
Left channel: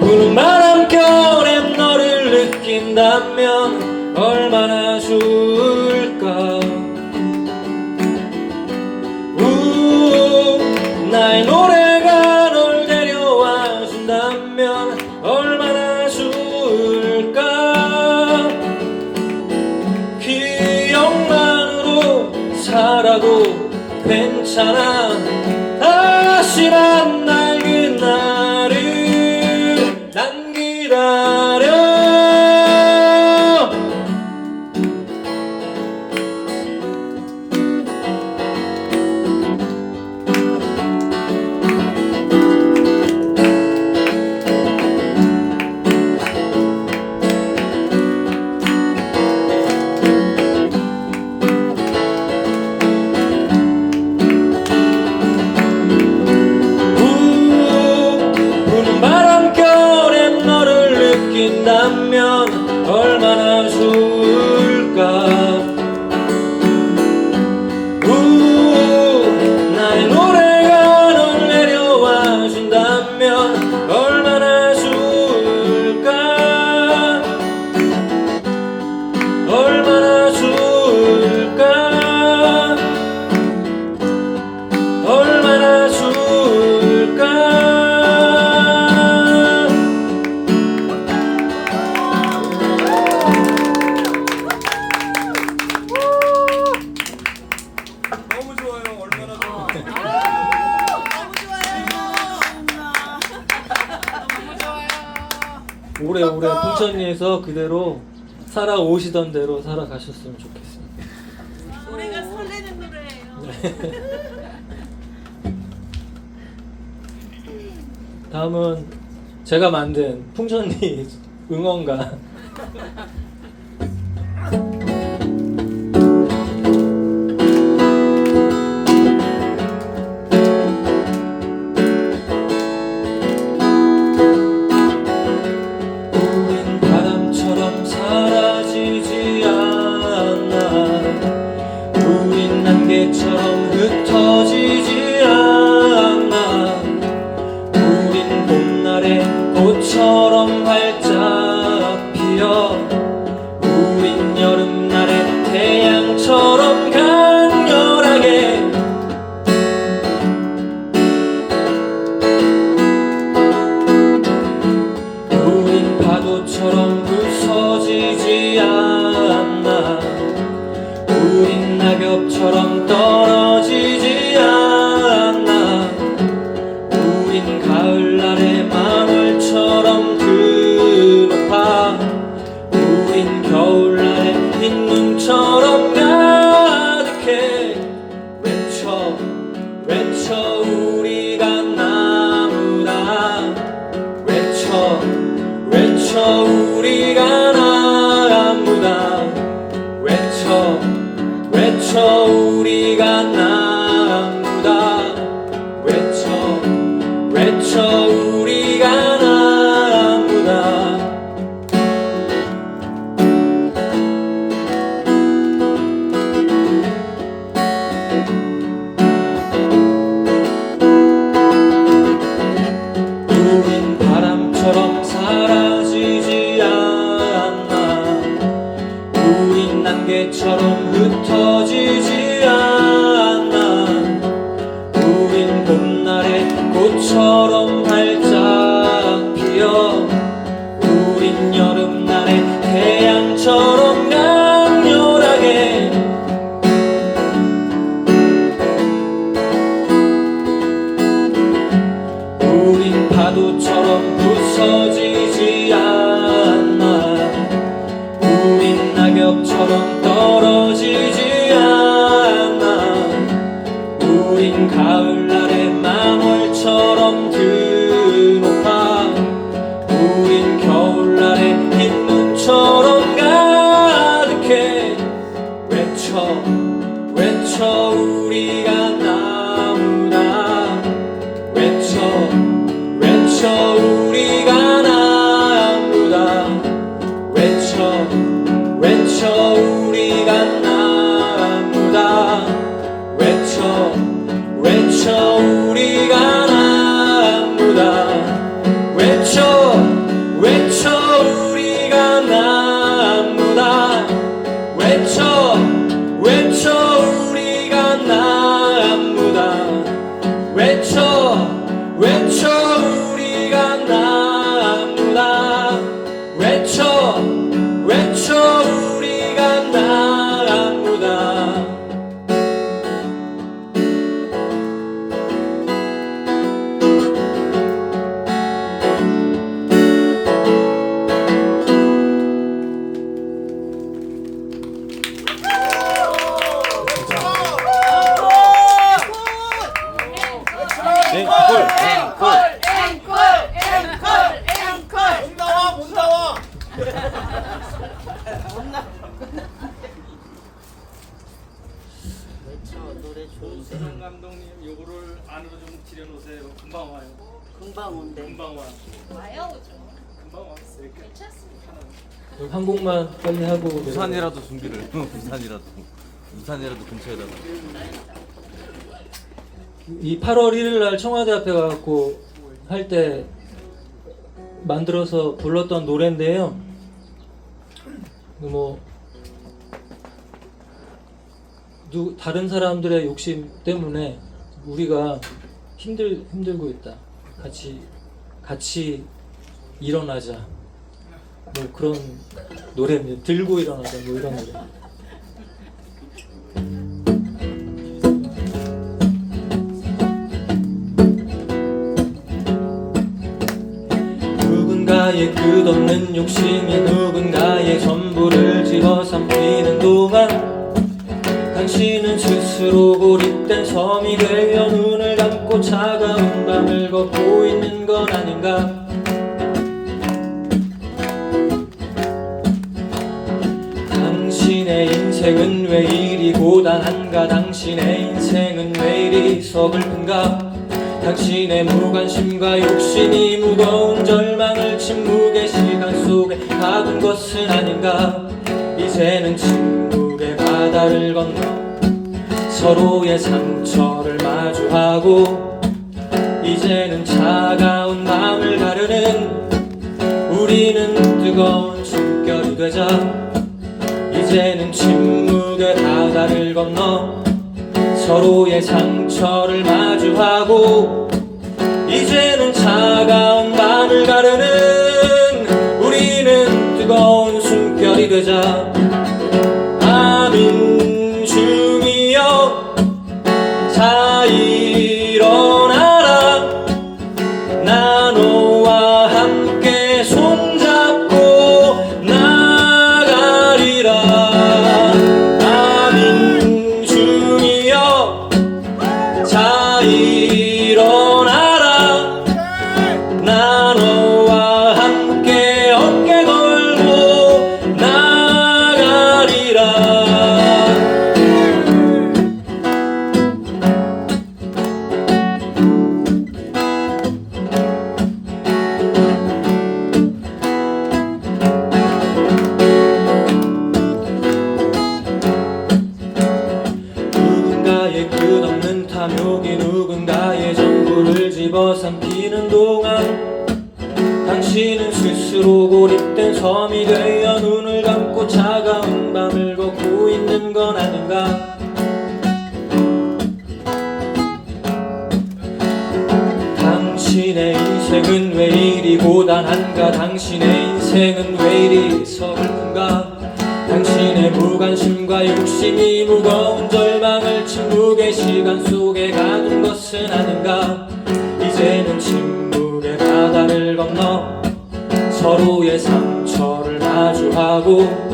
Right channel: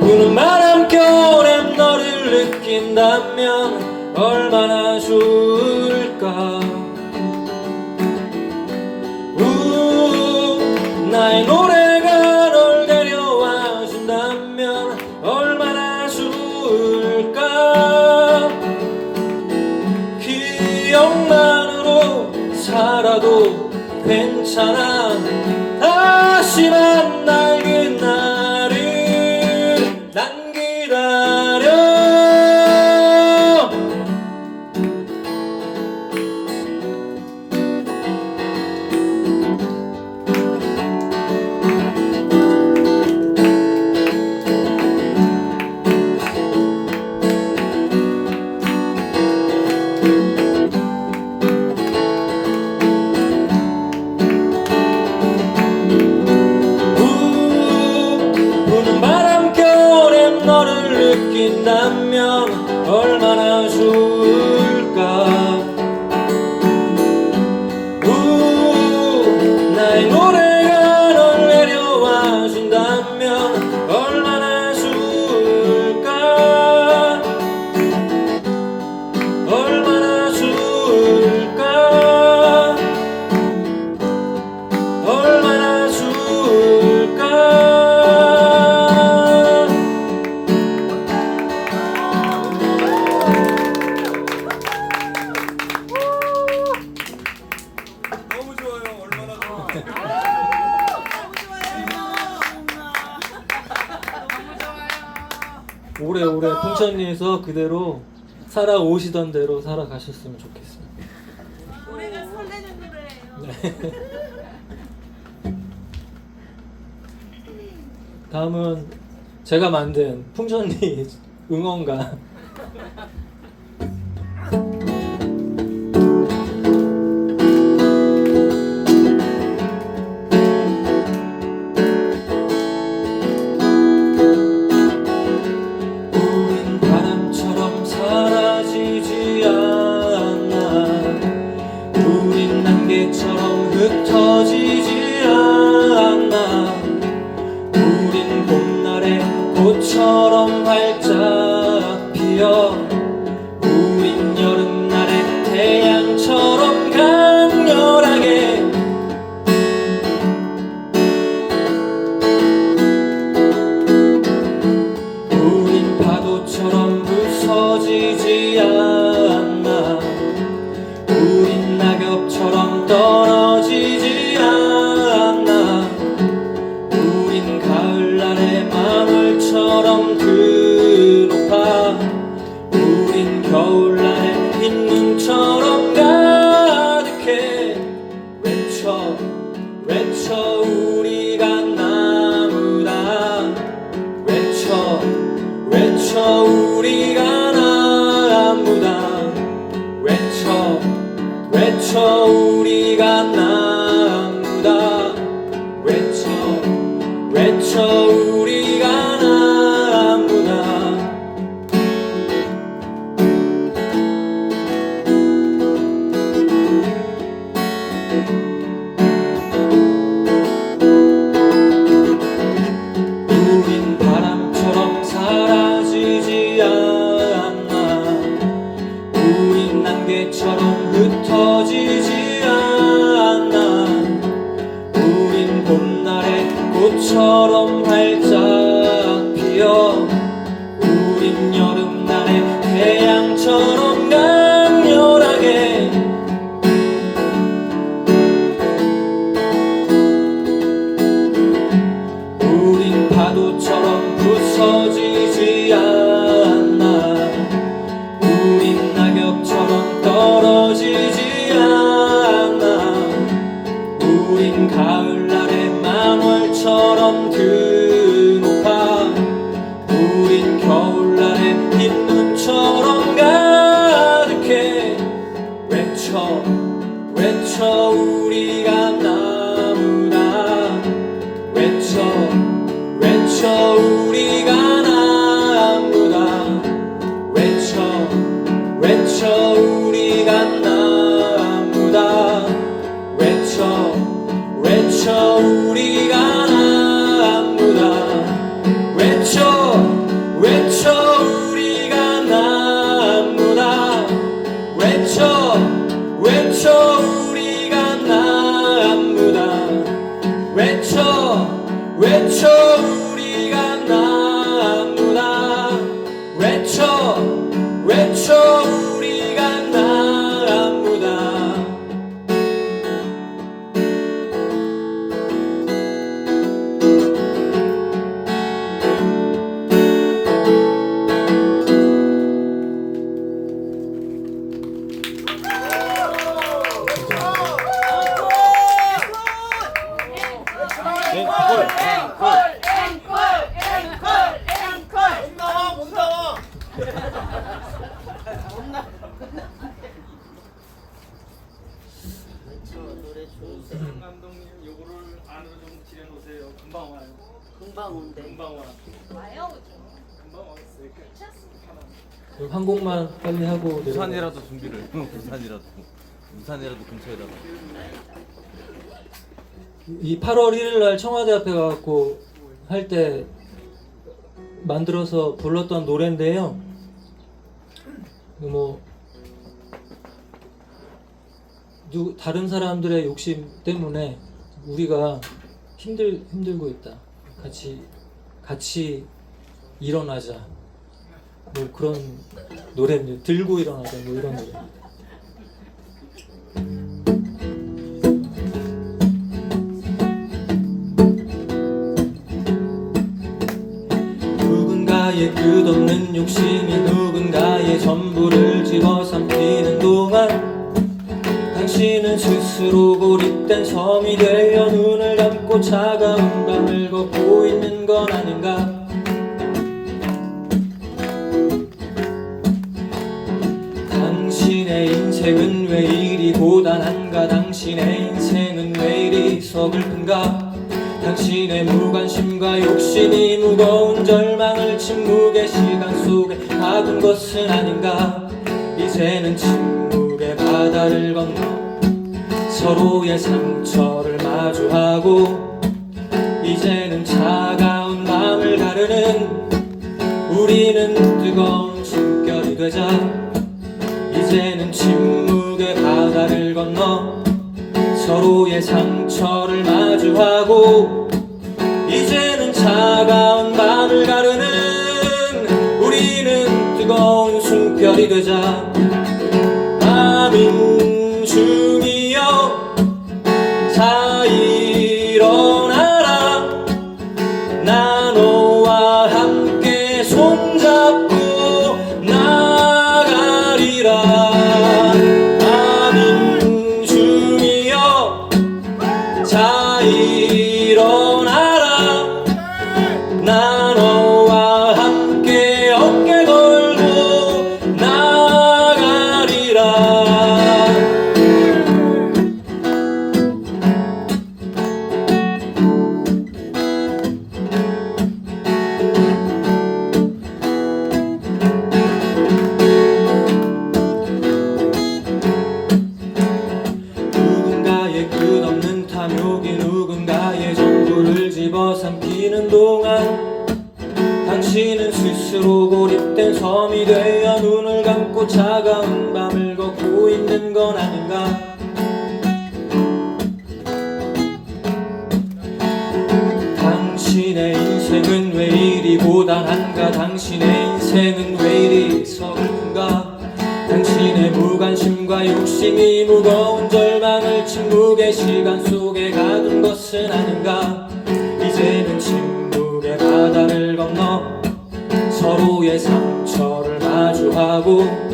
부는 바람결에 너를 느낀다면 얼마나 좋을까 나의 노래가 널 데려와 준다면 얼마나 좋을까 기억만으로 살아도 괜찮아 다시 만날 그날을 난 기다려 부는 바람결에 너를 느낀다면 얼마나 좋을까 나의 노래가 널 내려와 준다면 얼마나 좋을까 얼마나 좋을까 얼마나 좋을까 너무 좋아요. 얼마나 좋아. 오래오래 풍천리에서 그대로 살아오시던 대로 살아가셨으면 좋겠습니다. 우리가 설레는 노래예요. 다음은 제가 만든 풍천리 응원가 우린 바람처럼 사라지지 않아 우린 안개처럼 흩어지지 않아 우린 봄날의 꽃처럼 활짝 피어 우린 여름날의 태양처럼 강렬하게 우린 파도처럼 부서지지 않아 우린 낙엽처럼 떨어지지 않아 우린 가을날의 마늘처럼 드높아 외쳐 우리가 나무다 외쳐 외쳐 우리가 나무다 외쳐 외쳐 우리가 나무다 외쳐 외쳐 우리가 나무다 외쳐 외쳐 우리가 나무다 외쳐 외쳐 우리가 나무다 감독님 요거를 안으로 좀 지려보세요. 금방 와요. 금방 온대. 금방 와. 와요, 그죠? 금방 왔어요. 괜찮습니다. 한 곡만 빨리 하고 내려가요. 부산이라도 준비를. 부산이라도 근처에다가. 이 8월 1일 날 청와대 앞에 가갖고 할 때 만들어서 불렀던 노래인데요. 뭐 다른 사람들의 욕심 때문에 우리가 힘들고 있다. 같이 일어나자. 뭐 그런 노래입니다. 들고 일어나자. 뭐 이런 노래. 누군가의 끝없는 욕심이 누군가의 전부를 집어삼키는 동안 당신은 스스로 고립된 섬이 되어 눈을 감고 차가운 밤을 걷고 있는 건 아닌가. 당신의 인생은 왜 이리 고단한가. 당신의 인생은 왜 이리 서글픈가. 당신의 무관심과 욕심이 무거운 절망을 침묵의 시간 속에 가둔 것은 아닌가. 이제는 침묵의 바다를 건너 서로의 상처를 마주하고 이제는 차가운 마음을 가르는 우리는 뜨거운 숨결이 되자. 이제는 침묵의 바다를 건너 서로의 상처를 마주하고 이제는 차가운 밤을 가르는 우리는 뜨거운 숨결이 되자. 아민 중이여 자 일어나라. 나 너와 함께 손잡고 나가리라. 아민 중이여 자 일어나라. 나 너와 함께 어깨 걸고 나가리라. 누군가의 끝없는 탐욕이 누군가의 전부를 집어삼키는 동안 당신은 스스로 고립된 섬이 되어 눈을 감고 차가운 밤을 걷고 있는 건 아닌가. 당신의 인생은 왜 이리 고단한가. 당신의 인생은 왜 이리 서글픈가. 당신의 무관심과 욕심이 무거운 절망을 침묵의 시간 속에 가둔 것은 아닌가. 이제는 침묵의 바다를 건너 서로의 상처를 마주하고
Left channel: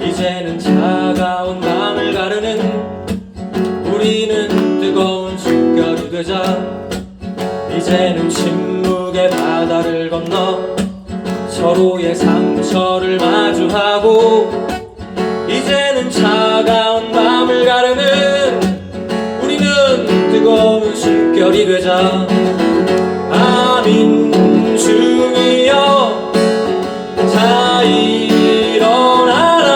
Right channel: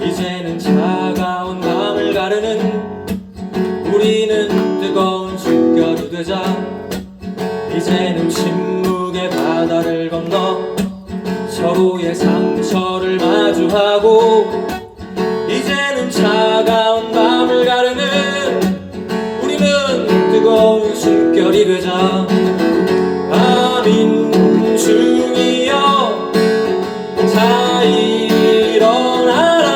이제는 차가운 마음을 가르는 우리는 뜨거운 숨결이 되자. 이제는 침묵의 바다를 건너 서로의 상처를 마주하고 이제는 차가운 밤을 가르는 우리는 뜨거운 숨결이 되자. 아민 중이여 자 일어나라.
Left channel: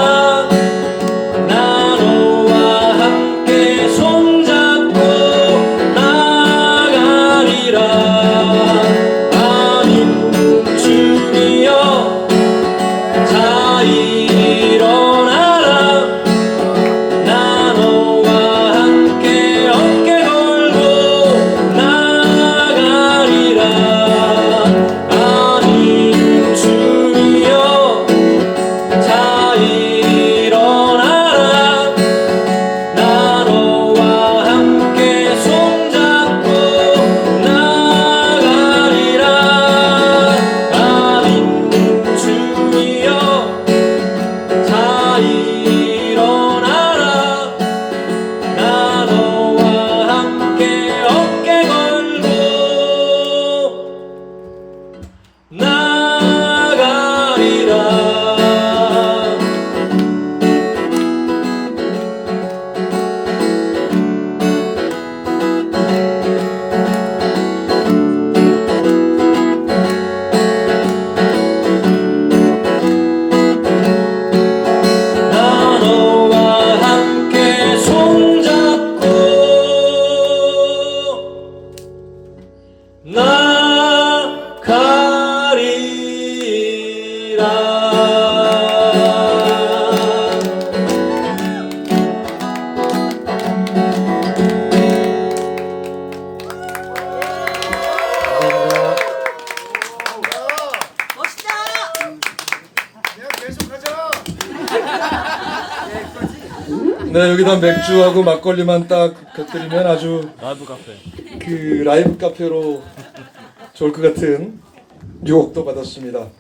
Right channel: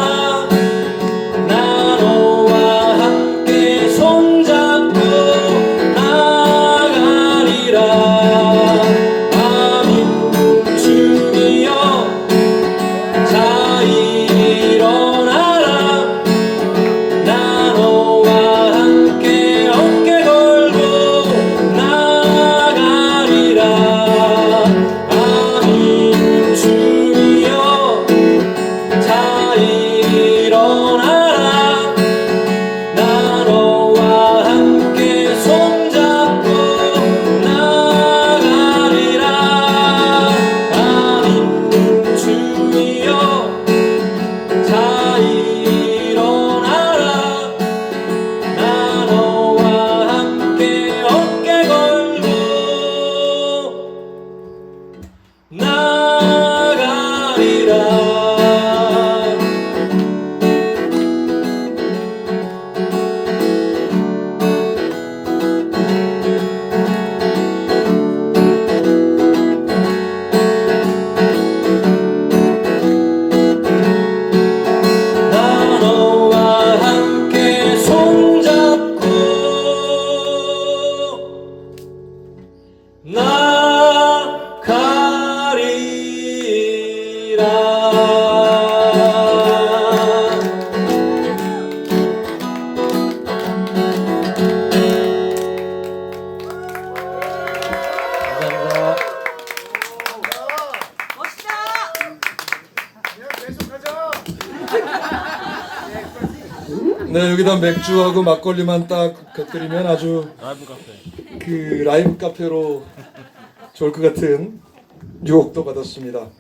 네, 여기다 맥주하고 막걸리만 딱 곁들이면 아주 라이브 카페. 그 라이브 카페로 좋을 것 같은 유혹도 받았습니다.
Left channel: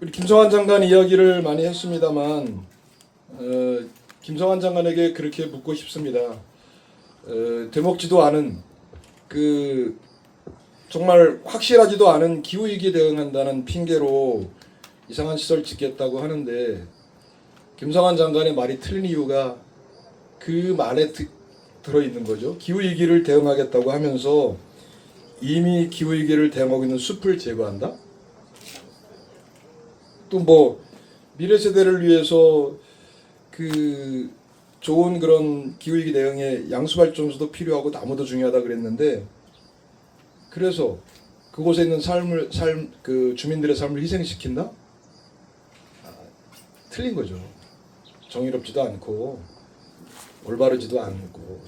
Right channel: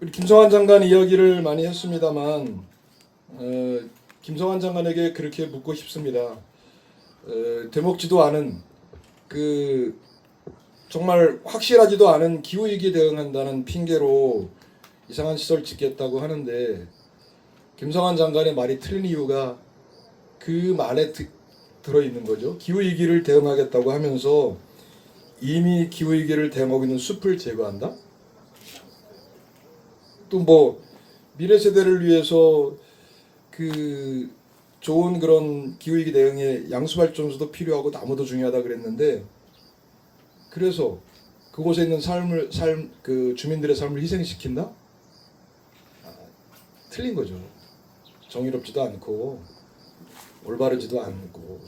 우리 김성환 장관 이야기를 많이 했습니다만 김성환 장관에게 그렇게 묻고 싶습니다. 되먹지도 않은 그 정말 확실하지도 않은 기후위기 대응한다는 핑계로 이상한 시설 짓겠다고 하는데 김성환 장관의 말이 틀린 이유가 그 말에 들어있는 거죠. 기후위기를 대응하겠다고 하면서 이미 기후위기를 대응하고 있는 숲을 제거한다? 또 뭐 미래 세대를 위해서 그 좋은 그런 기후위기 대응에 양수발전소도 필요하고 나무도 중요하다 그랬는데 그래서 그곳에 있는 그 주민들의 삶을 희생시킨다? 틀린 거죠. 정의롭지도 않고 올바르지도 않고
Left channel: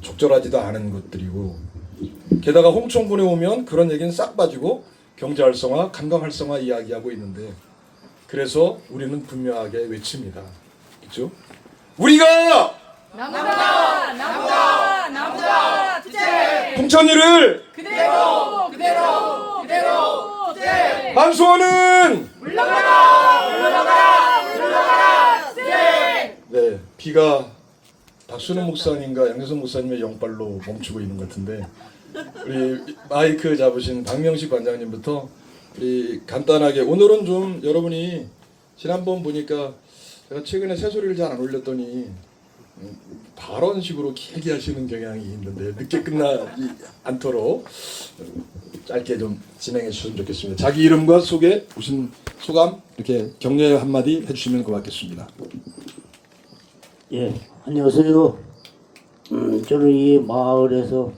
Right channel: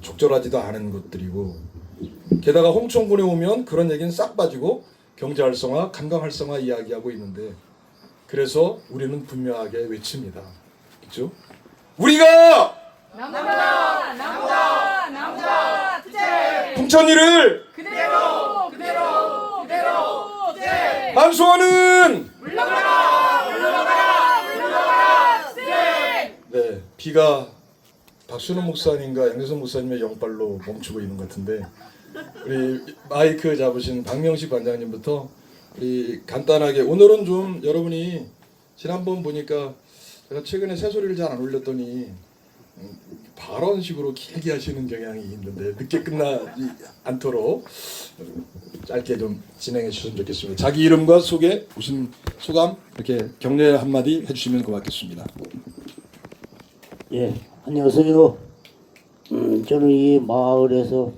적절하지도 않은 것들이고 게다가 홍천군에 오면 그런 얘기는 싹 빠지고 경제 활성화, 관광 활성화 이야기하고 있는데 그래서 우리는 분명하게 외칩니다. 그렇죠? 우리가 남자 풍천이를 그대로 완수하는 네, 비가 박순호 목사님과 양재선 목사님의 영빨로 멈추고 있는 것 같은데 우리 마이크 잡으신 박명식 관장님부터 우리 간단하게 오늘은 좀 여러분이 지난번 보니까 제가 최근에 새소리를 잘 안 올렸더니 발언식으로 길게 하시는 경향이 있는데 늦게 끝나지 않도록 짧게 좀 진행해 주시면 좋겠습니다. 자기 이름과 소개, 오신 소감 이렇게 격려 한마디 해주시면 고맙겠습니다. 예, 안녕하세요. 저는 이 마을에서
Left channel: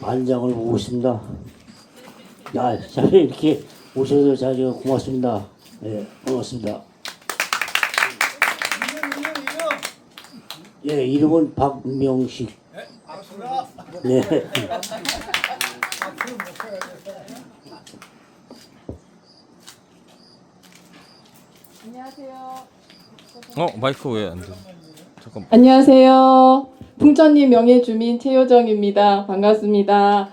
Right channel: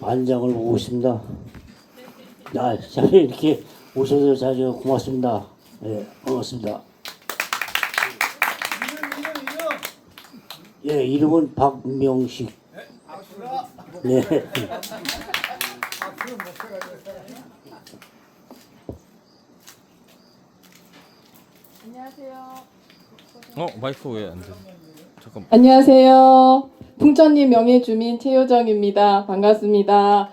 반장을 보고 있습니다. 자리에 이렇게 오셔서 자리가 고맙습니다. 예, 반갑습니다. 예, 이름은 박명식. 네. 마이크 왜 안 돼? 잠깐. 안녕하세요. 풍천리 명예주민 최효정입니다. 반갑습니다.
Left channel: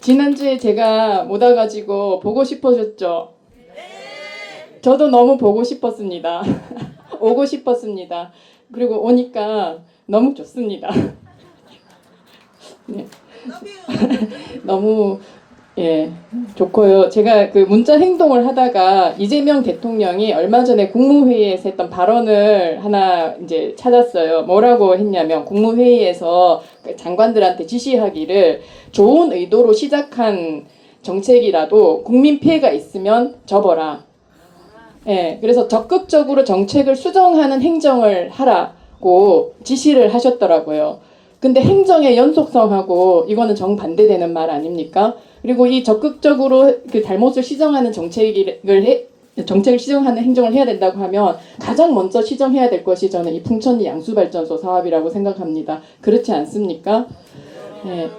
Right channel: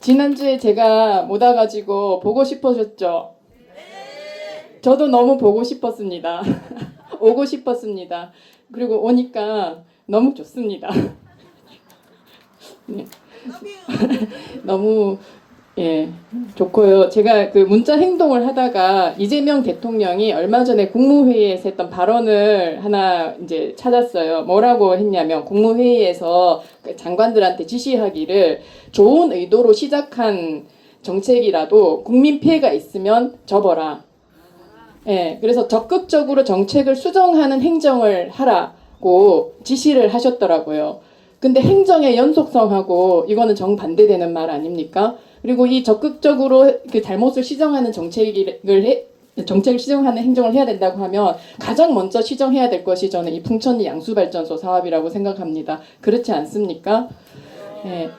지난주에 제가 못 와가지고 보고 싶어졌죠? 저도 너무 보고 싶었습니다. 오고 싶었습니다. 그리고 오니까 너무 좋습니다. 네. 너무 좋고요. 제가 그 문자 행동을 하다가 이재명 대통령이 얼마 전에 국무회의에서 했던 발언을 하나 이제 찾았어요. 뭐라고 했냐면 국무회의에서 장관들한테 지시하기를 좋은 의도로 시작한 정책이라도 국민 피해가 있으면 접어라. 그래서 적극적으로 정책을 수정하는 행정을 하라고 지시를 하셨더라고요. 근데 행정의 연속성하고 이거는 정반대되는 말 아닙니까? 그리고 이 적극적으로 그 잘못을 시정하는 정책을 시정하는 행정을 해야 된다고 하면 가장 먼저 시정해야 될 것이 저는 이 풍천리 양수발전소 사업이라고 생각합니다. 그렇지 않습니까?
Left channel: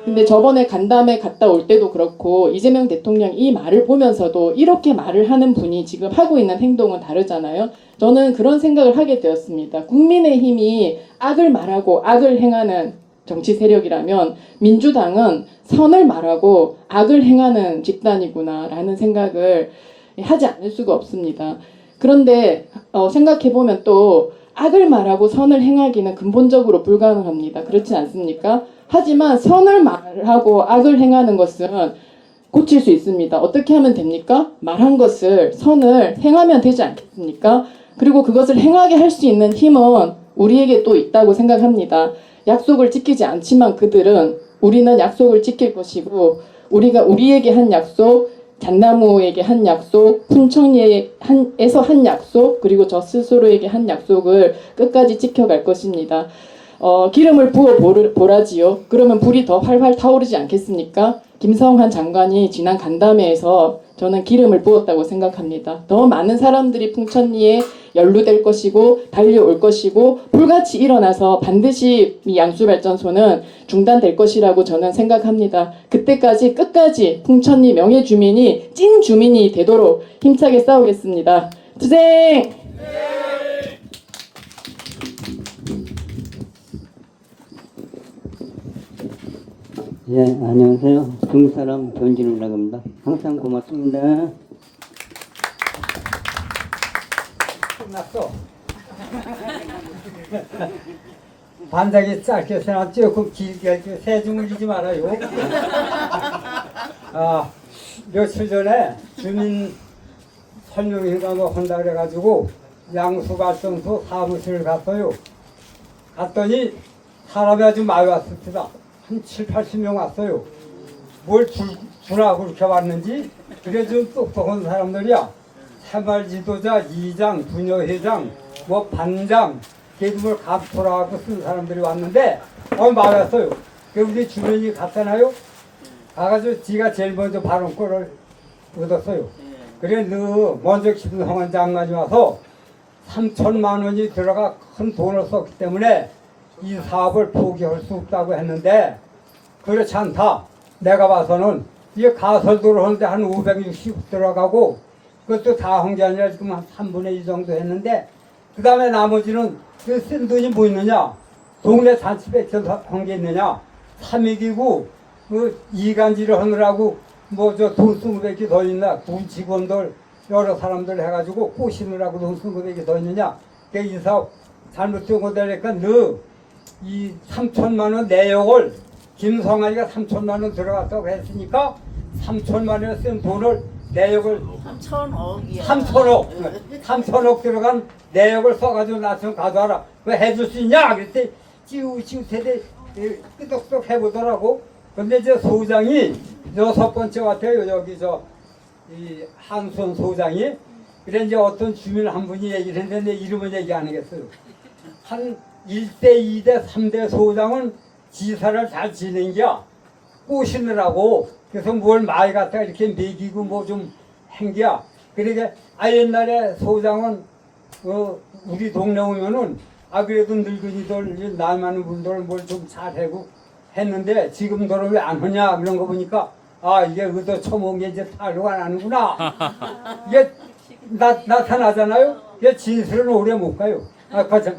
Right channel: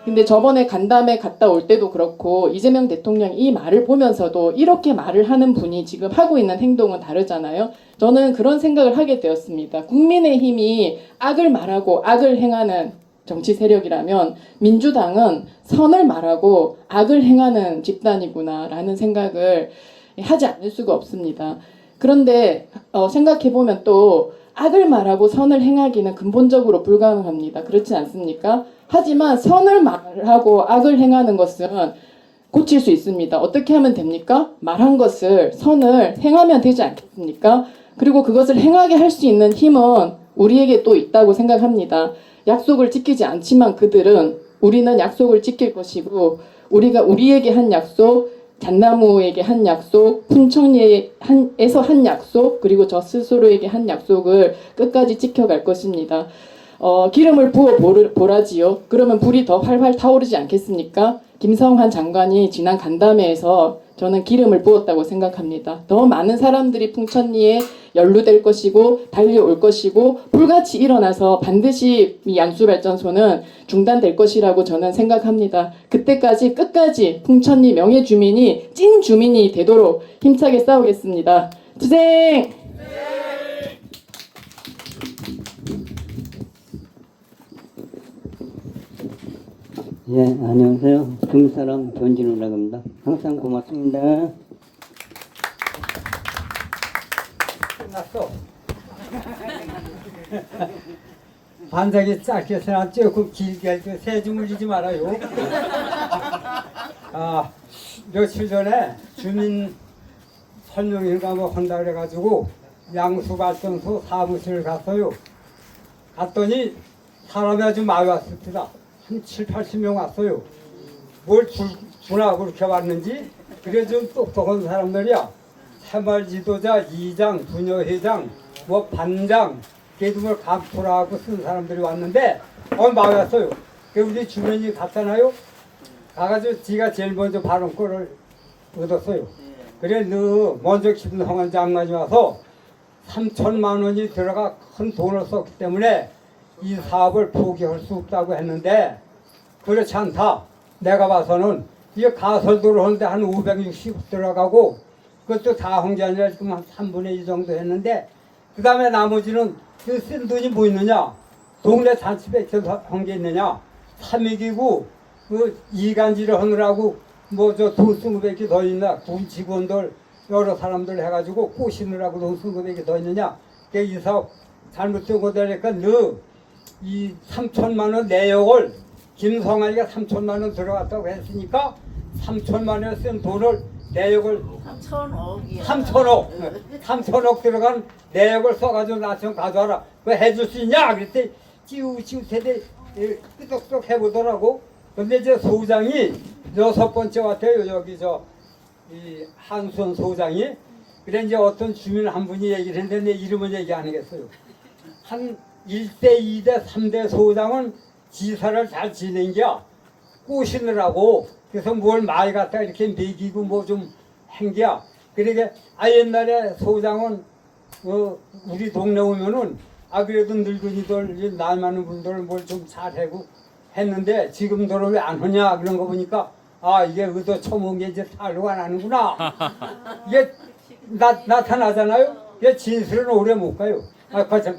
근데 저번에 간담회 갔다 올 때도 그렇고 이재명 대통령 이 말을 보면서도 이렇게 말을 하는 분이 지금 하고 있는 행동은 다르잖아요. 저는 그런 생각을 하게 되었습니다. 국민의힘이 악을 말하고 악을 행하는 정치 세력이라면 민주당은 선을 말하고 악을 행하는 집단이구나라는 생각을 하지 않을 수가 없습니다. 그런데 생각해보면 또 악을 말하고 선을 행하기는 근본적으로 불가능합니다. 그렇지 않습니까? 하지만 선을 말하고 악을 행하는 것은 고칠 수 있습니다. 어떻게 하면 됩니까? 말한 것을 선을 행하면 되지 않겠습니까? 그리고 그것을 행하게 할 수 있는 힘은 우리에게 또 있다고 생각합니다. 약속을 지키지 않지만 그들은 우리는 약속을 지킬 것이고 우리가 우리에게 한 약속, 잣나무에게 한 약속, 풍천리에서 한 약속, 그리고 저 스스로에게 한 약속을 끝까지 지켜갈 것입니다. 기름을 부어 보라지요. 그러면 불이 더 활활 타오르지 않겠습니까? 김성환 장관이 지난 간담회에서 저는 기름을 부었다고 생각합니다. 더 많은 사람들이 풍천리에 연루될 것이고 달려올 것이고 불같이 일어나서 반드시 이 양수발전소는 중단될 것이라고 저는 생각합니다. 그때까지 끝까지 풍천리 명예주민이 찐 주민이 되도록 힘차게 싸우겠습니다. 투쟁! 네, 안녕하세요. 중국 사람 전진우라고 합니다. 항상 고맙습니다. 끝났어. 반짝이 짧게 써놨죠. 그 길게 세중을 지지 말아요. 며칠 전에 주민 설명회가 뭐 한다 그래가지고 양수발전소 사무실을 갔어요. 갔더니 사람이 아주 많이 왔습니다. 한 7, 80명 왔어요. 뭘 주나 그렇게 왔는지. 그래 좀 똑똑한 사람들이야. 새마을 지도자, 이장, 부녀회장, 뭐 반장, 개dum을 각토라고 쓴 사람들이 왔는데 많이 왔어요. 우리 주민이 갔잖아요. 가가지고 지가 제일 먼저 발언권을 얻었어요. 그래 먼저 김성환 장관이 와서 3천만 원이 들어가 큰 돈을 썼기 때문에 이 사업을 포기할 수 없다고 했는데 그렇지 않다. 내가 봐서는 이게 가설도로 하는데 한 560 들어가고 그것도 다 한 게 아니라 지금 한 3분의 2 정도 했는데 그 다음에 나머지는 그 쓴 돈이 뭐 있느냐. 동네 잔치백전 한 게 있느냐. 삼익이고 그 이간질을 하느라고 뭐 저 돈 쓴 것밖에 더 있나. 돈 직원들 여러 사람들 해가지고 꼬시느라고 돈 쓴 것밖에 더 있느냐. 이 사업 잘못 쓴 거 되니까 너 이 3천만 원 내역을 김성환이가 3천만 원 들어갔다고 했으니까 3천만 원 쓴 돈을 내역을 3천억 들어간 내역을 써가지고 나 좀 가져와라. 그거 해줄 수 있냐? 그랬더니 지우세대 끄덕끄덕 해보더라고. 근데 이제 소장이 6번째 같아요. 여기 이 한순 소장이. 그래 이제 어떤 주민 한 분이 얘기를 했는데 내 이름은 얘기 안 하겠어요. 한 1대, 2대, 3대 소장은 지사를 잘 지낸겨. 꼬시느라고. 그래서 뭘 많이 갖다가 이렇게 매기고 뭐 좀 행겨. 그러니까 옛날에 소장은 우리 동네 오면은 그래도 늙은이들 나이 많은 분들 뭘 좀 잘하고 했는데 지금들은 왜 안 하냐 그런 거 보니까 이게 의도 처먹은 게 이제 탈로가 나는구나. 이게 나타나잖아요. 이게 진실은 오래 못 가요.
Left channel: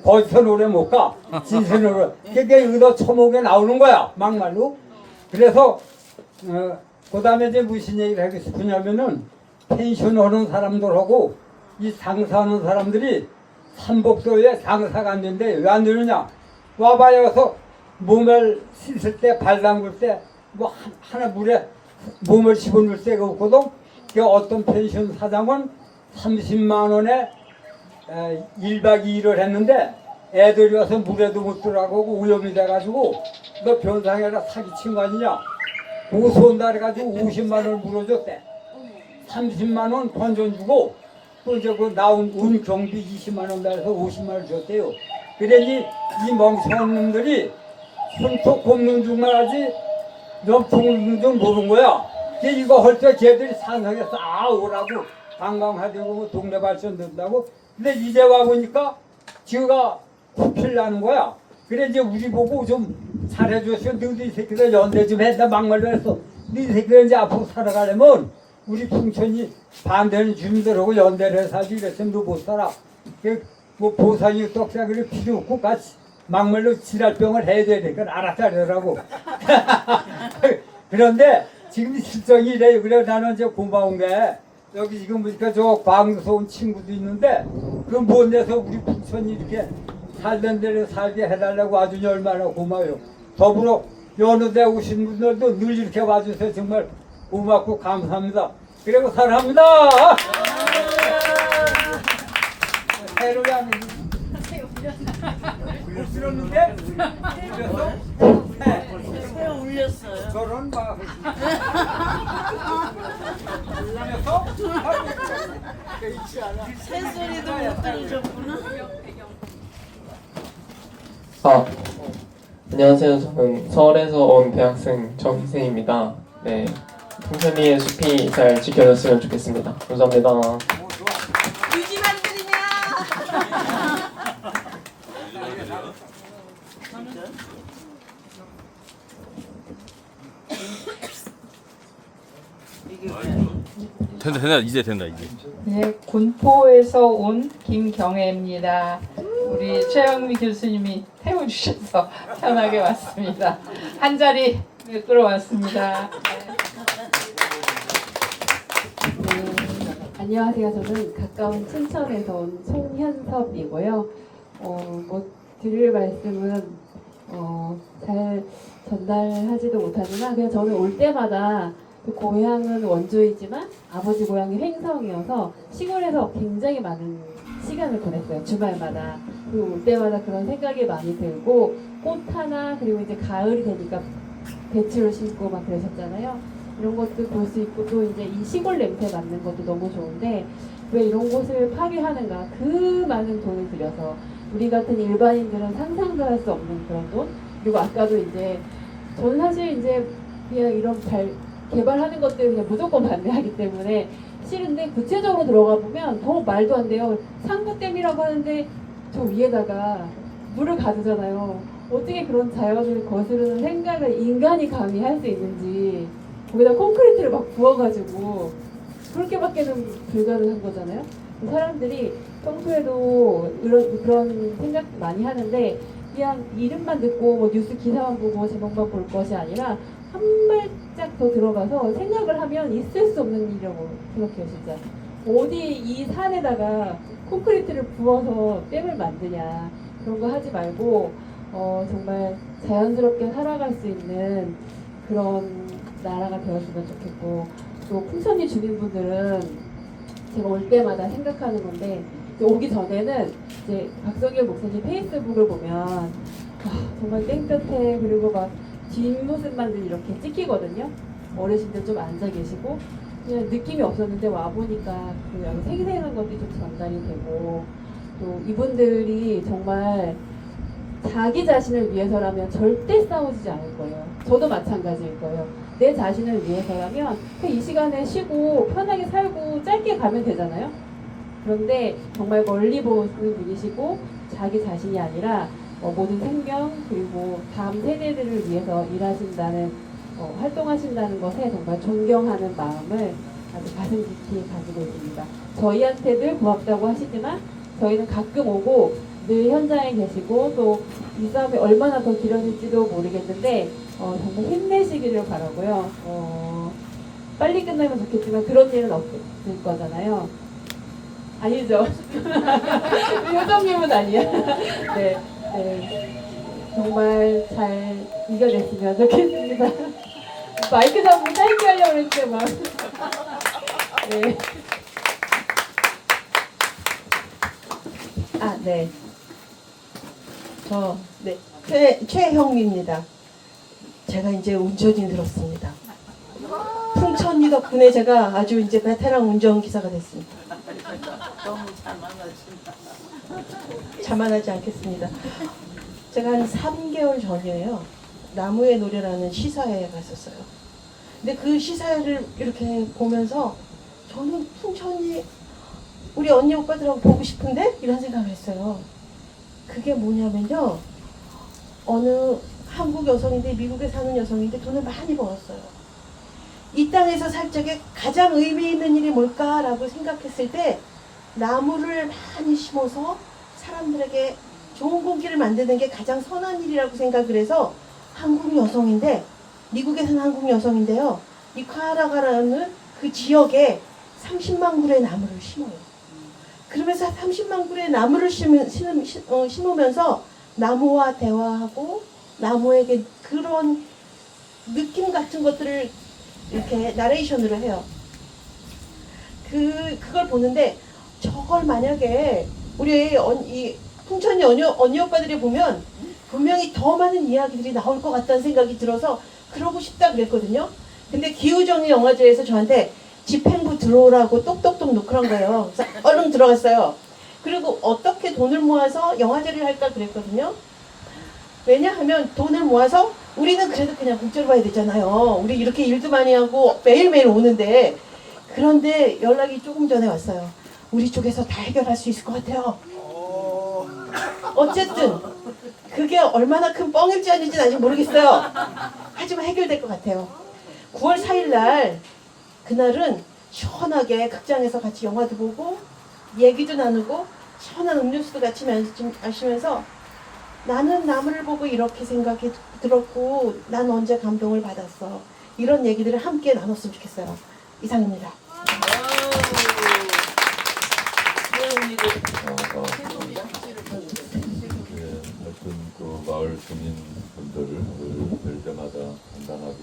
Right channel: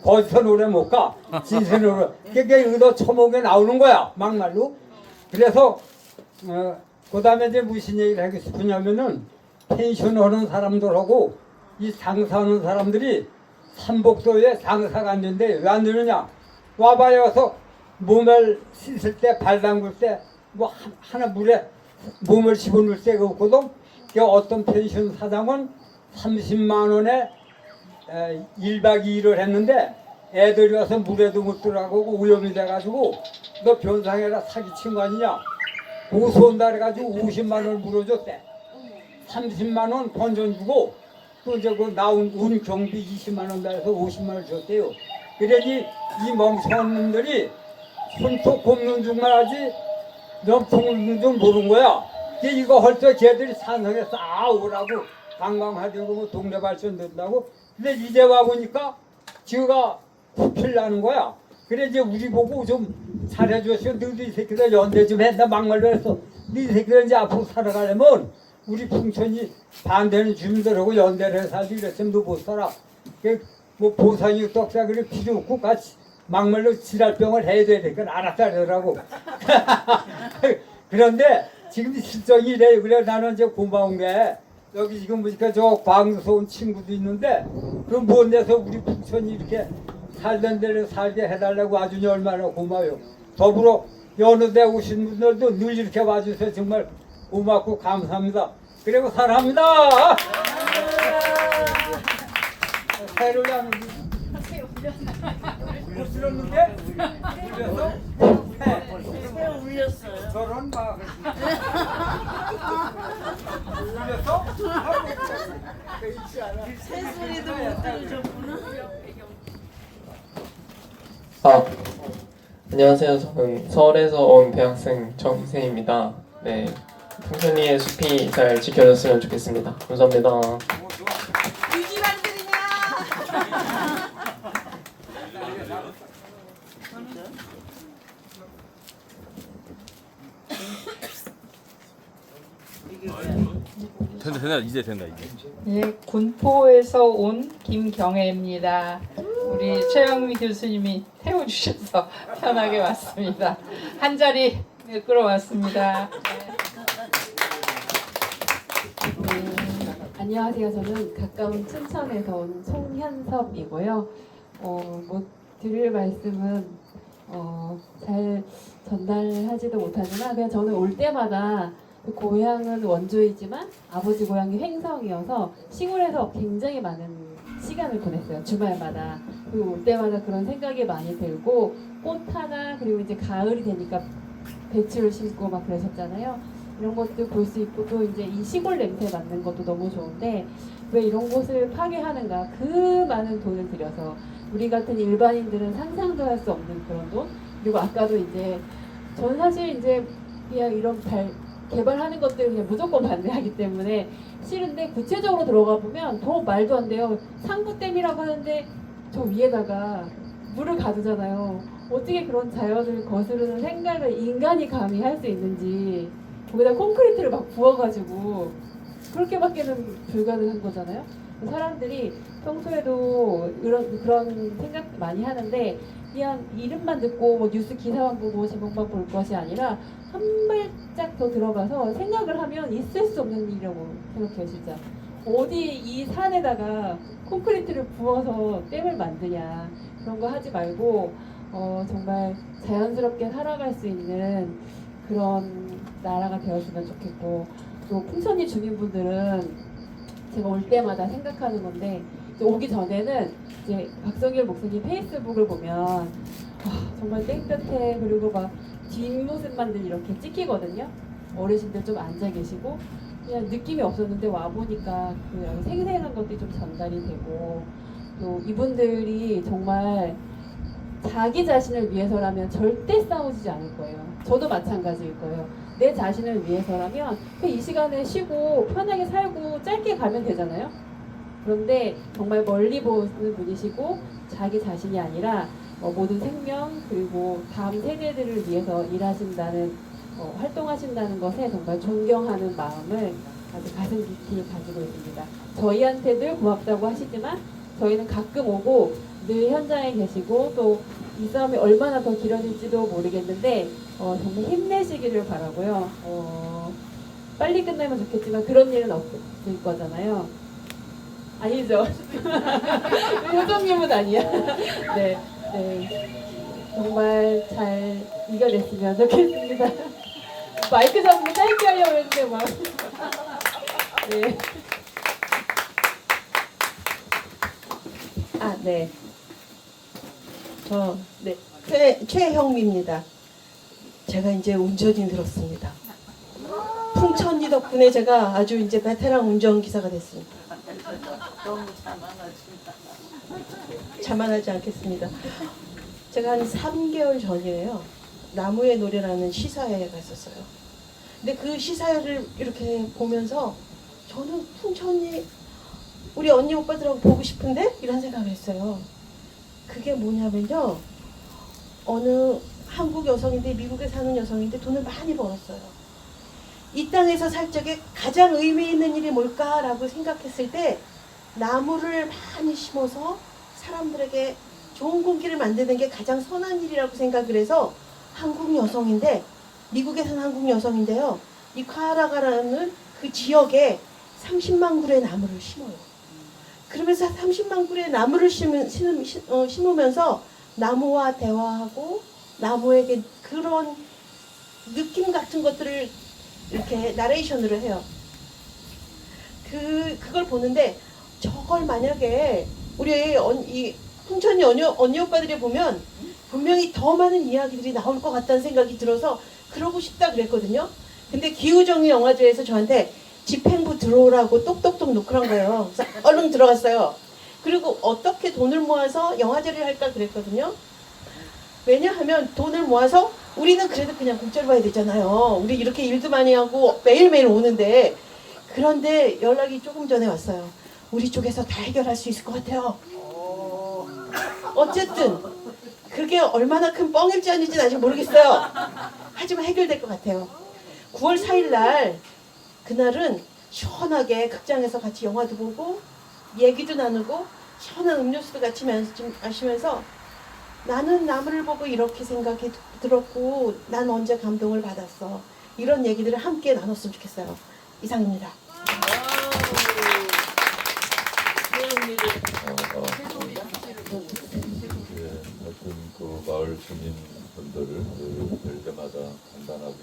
거짓은 오래 못 가. 진실은 오래. 이게 의도 처먹에 나오는 거야 막말로. 그래서 그 다음에 이제 무슨 얘기를 하고 싶으냐면은 펜션 하는 사람들하고 이 장사하는 사람들이 삼복도에 장사가 안 되는데 왜 안 되느냐. 와봐야서 몸을 씻을 때 발 담글 때 뭐 하나 물에 몸을 집어넣을 데가 없거든. 어떤 펜션 사장은 30만 원에 1박 2일을 했는데 애들이 와서 물에도 못 들어가고 오염이 돼가지고 너 변상해라 사기친 거 아니냐. 고소한다 해가지고 50만 원을 물어줬대. 30만 원 건전 주고 또 이제 그 나온 운 경비 20만 원 달아서 50만 원 줬대요. 그러니 이 멍청한 놈들이 손톱 꼽는 줄만 하지 좀 굽는 줄 모르는 거야. 이거 할 때 걔들이 산성에서 오라고 관광하려고 뭐 동네 발전 된다고. 근데 이제 와보니까 지가 부필나는 거야. 그래 이제 우리 보고 좀 잘해줬으면 너도 이 새끼들 연대 좀 했다 막말로 했어. 네 새끼들 이제 앞으로 살아가려면 우리 풍천이 반대는 주민들하고 연대를 해서 살지 이랬으면 너 못 살아. 뭐 보상이 떡사기를 필요 없고 같이 막말로 지랄병을 해야 되니까 알았다 그러라고. 그런데 지금 실정이 이래요. 그래 나는 이제 고마운 게 여기 지금 보니까 저 광주서 온 친구도 있는데 그 먼 데서 우리 풍천이 이렇게 살던 데를 살게 해달라고 아주 얼마나 고마워요. 더불어 여느 데 오신 분들도 늘 이렇게 와주셔서 정말 고맙고 감사합니다. 그리고 사랑합니다. 해를 안 못 들었는데? 울렸어? 왜 울렸어요? 저런 막 울렸어? 새소리도 못 들으셨구나. 안녕하세요. 저는 서울에서 온 대학생 정희세입니다. 네, 풍천이의 숲이 잘 지켜졌으면 좋겠습니다. 감사합니다. 유지만들이냐? 된다 이제 된다 이제. 네, 군포에서 온 김경애입니다. 우리 최영미 교수님이 태워주셔서 편하게 왔습니다. 한 자리 네, 끌어왔습니다. 안녕하세요. 저는 가까운 춘천에서 온 송현섭이고요. 뭐 드릴 말씀은 잘 전달하지도 못하지만 그냥 저는 올 때마다 그 고향은 원주이지만 아버지 고향이 횡성이어서 시골에서 굉장히 많은 시간을 보냈어요. 주말마다. 그리고 올 때마다 그런 생각이 많이 들고 꽃 하나 그리고 이제 가을이 되니까 배추를 심고 막 그러셨잖아요. 이런 것도 볼 수 있고 또 이제 이 시골 냄새 맡는 것도 너무 좋은데 왜 이런 곳을 파괴하는가? 그 많은 돈을 들여서 우리 같은 일반인들은 상상도 할 수 없는 그런 돈. 그리고 아까도 이제 저는 사실 이제 그냥 이런 개발하는 것들 그냥 무조건 반대하기 때문에 싫은데 구체적으로 들어가 보면 더 말도 안 돼요. 상부댐이라고 하는데 저 위에다가 물을 가두잖아요. 어떻게 그런 자연을 거스르는 생각을 인간이 감히 할 수 있는지 거기다 콘크리트를 막 부어가지고 그렇게밖에는 불가능한 거잖아요. 사람들이 평소에도 그런 생각 많이 하는데 그냥 이름만 듣고 뭐 뉴스 기사만 보고 제목만 볼 것이 아니라 한 발짝 더 들어가서 생각을 하면 있을 수 없는 일이라고 생각해요. 진짜 어디 이 산에다가 콘크리트를 부어서 댐을 만드냐 그런 거 하지 말고 정말 자연스럽게 살아갈 수 있는 그런 나라가 되었으면 좋겠고 또 풍천리 주민분들은 제가 올 때마다 생각하는 건데 오기 전에는 이제 박성일 목사님 페이스북을 보면 정말 땡볕에 그리고 막 뒷모습만 늘 이렇게 찍히거든요. 어르신들 좀 앉아 계시고 그냥 느낌이 없었는데 와 보니까 그 생생한 것들이 좀 전달이 되고 또 이분들이 정말 자기 자신을 위해서라면 절대 싸우지 않을 거예요. 저도 마찬가지일 거예요. 내 자신을 위해서라면 이 시간에 쉬고 편하게 살고 짧게 가면 되잖아요. 그런데 정말 멀리 보는 분이시고 자기 자신이 아니라 모든 생명 그리고 다음 세대들을 위해서 일하신다는 활동하신다는 것에 정말 존경하는 마음을 아주 가슴 깊이 가지고 있습니다. 저희한테들 고맙다고 하시지만 저희는 가끔 오고 늘 현장에 계시고 또 이 싸움이 얼마나 더 길어질지도 모르겠는데 정말 힘내시기를 바라고요. 빨리 끝나면 좋겠지만 그런 일은 없을 거잖아요. 아니죠. 효정님은 아니야. 네, 네. 정말 잘 이겨냈으면 좋겠습니다. 마이크 잡고 짧게 하려고 했는데 막. 네. 네. 최형입니다. 제가 이제 운전인 들었습니다. 풍천리 덕분에 제가 아주 이제 베테랑 운전기사가 됐습니다. 너무 자만하신다. 자만하지 않겠습니다. 제가 한 3개월 전이에요. 나무의 노래라는 시사회에 갔었어요. 근데 그 시사회를 이렇게 보면서 저는 풍천리 우리 언니 오빠들하고 보고 싶은데? 이런 생각을 했어요. 그게 뭐냐면요. 어느 한국 여성인데 미국에 사는 여성인데 돈을 많이 벌었어요. 이 땅에서 살 적에 가장 의미 있는 일이 뭘까라고 생각했을 때 나무를 많이 심어서 사람들에게 좋은 공기를 만드는 게 가장 선한 일이라고 생각을 해서 한국 여성인데 미국에 사는 한국 여성인데요. 이 카라가라는 그 지역에 30만 그루의 나무를 심어요. 그러면서 30만 그루의 나무를 심으면서 나무와 대화하고 나무에게 그런 느낌 같은 것들을 이렇게 나레이션으로 해요. 그걸 보는데 저걸 만약에 우리 이 풍천리 언니 오빠들이 보면 분명히 더 많은 이야기들이 나올 것 같다는 생각이 들어서 그러고 싶다 그랬거든요. 근데 기후정리 영화제에서 저한테 집행부 들어오라고 똑똑똑 놓고 한 거예요. 그래서 얼른 들어갔어요. 그리고 어떻게 돈을 모아서 영화제를 할까 그랬거든요. 왜냐하면 돈을 모아서 우리는 그래도 그냥 국제를 봐야 되잖아요. 우리 이렇게 일도 많이 하고 매일매일 오는데 그런데 연락이 조금 전에 왔어요. 우리 쪽에서 다 해결할 수 있을 것 같아요. 어쨌든 그게 얼마나 큰 뻥일지 아닌지는 아직 모르겠어요. 하지만 해결될 것 같아요. 9월 4일 날 그날은 시원하게 극장에서 같이 영화도 보고 얘기도 나누고 시원한 음료수도 같이 마시면서 나는 나무를 보고 이렇게 생각이 들었고 난 언제 감동을 받았어. 이런 얘기들을 함께 나눴으면 좋겠어요. 이상입니다. 하여튼 그 마을 주민분들 될 때마다 간단하게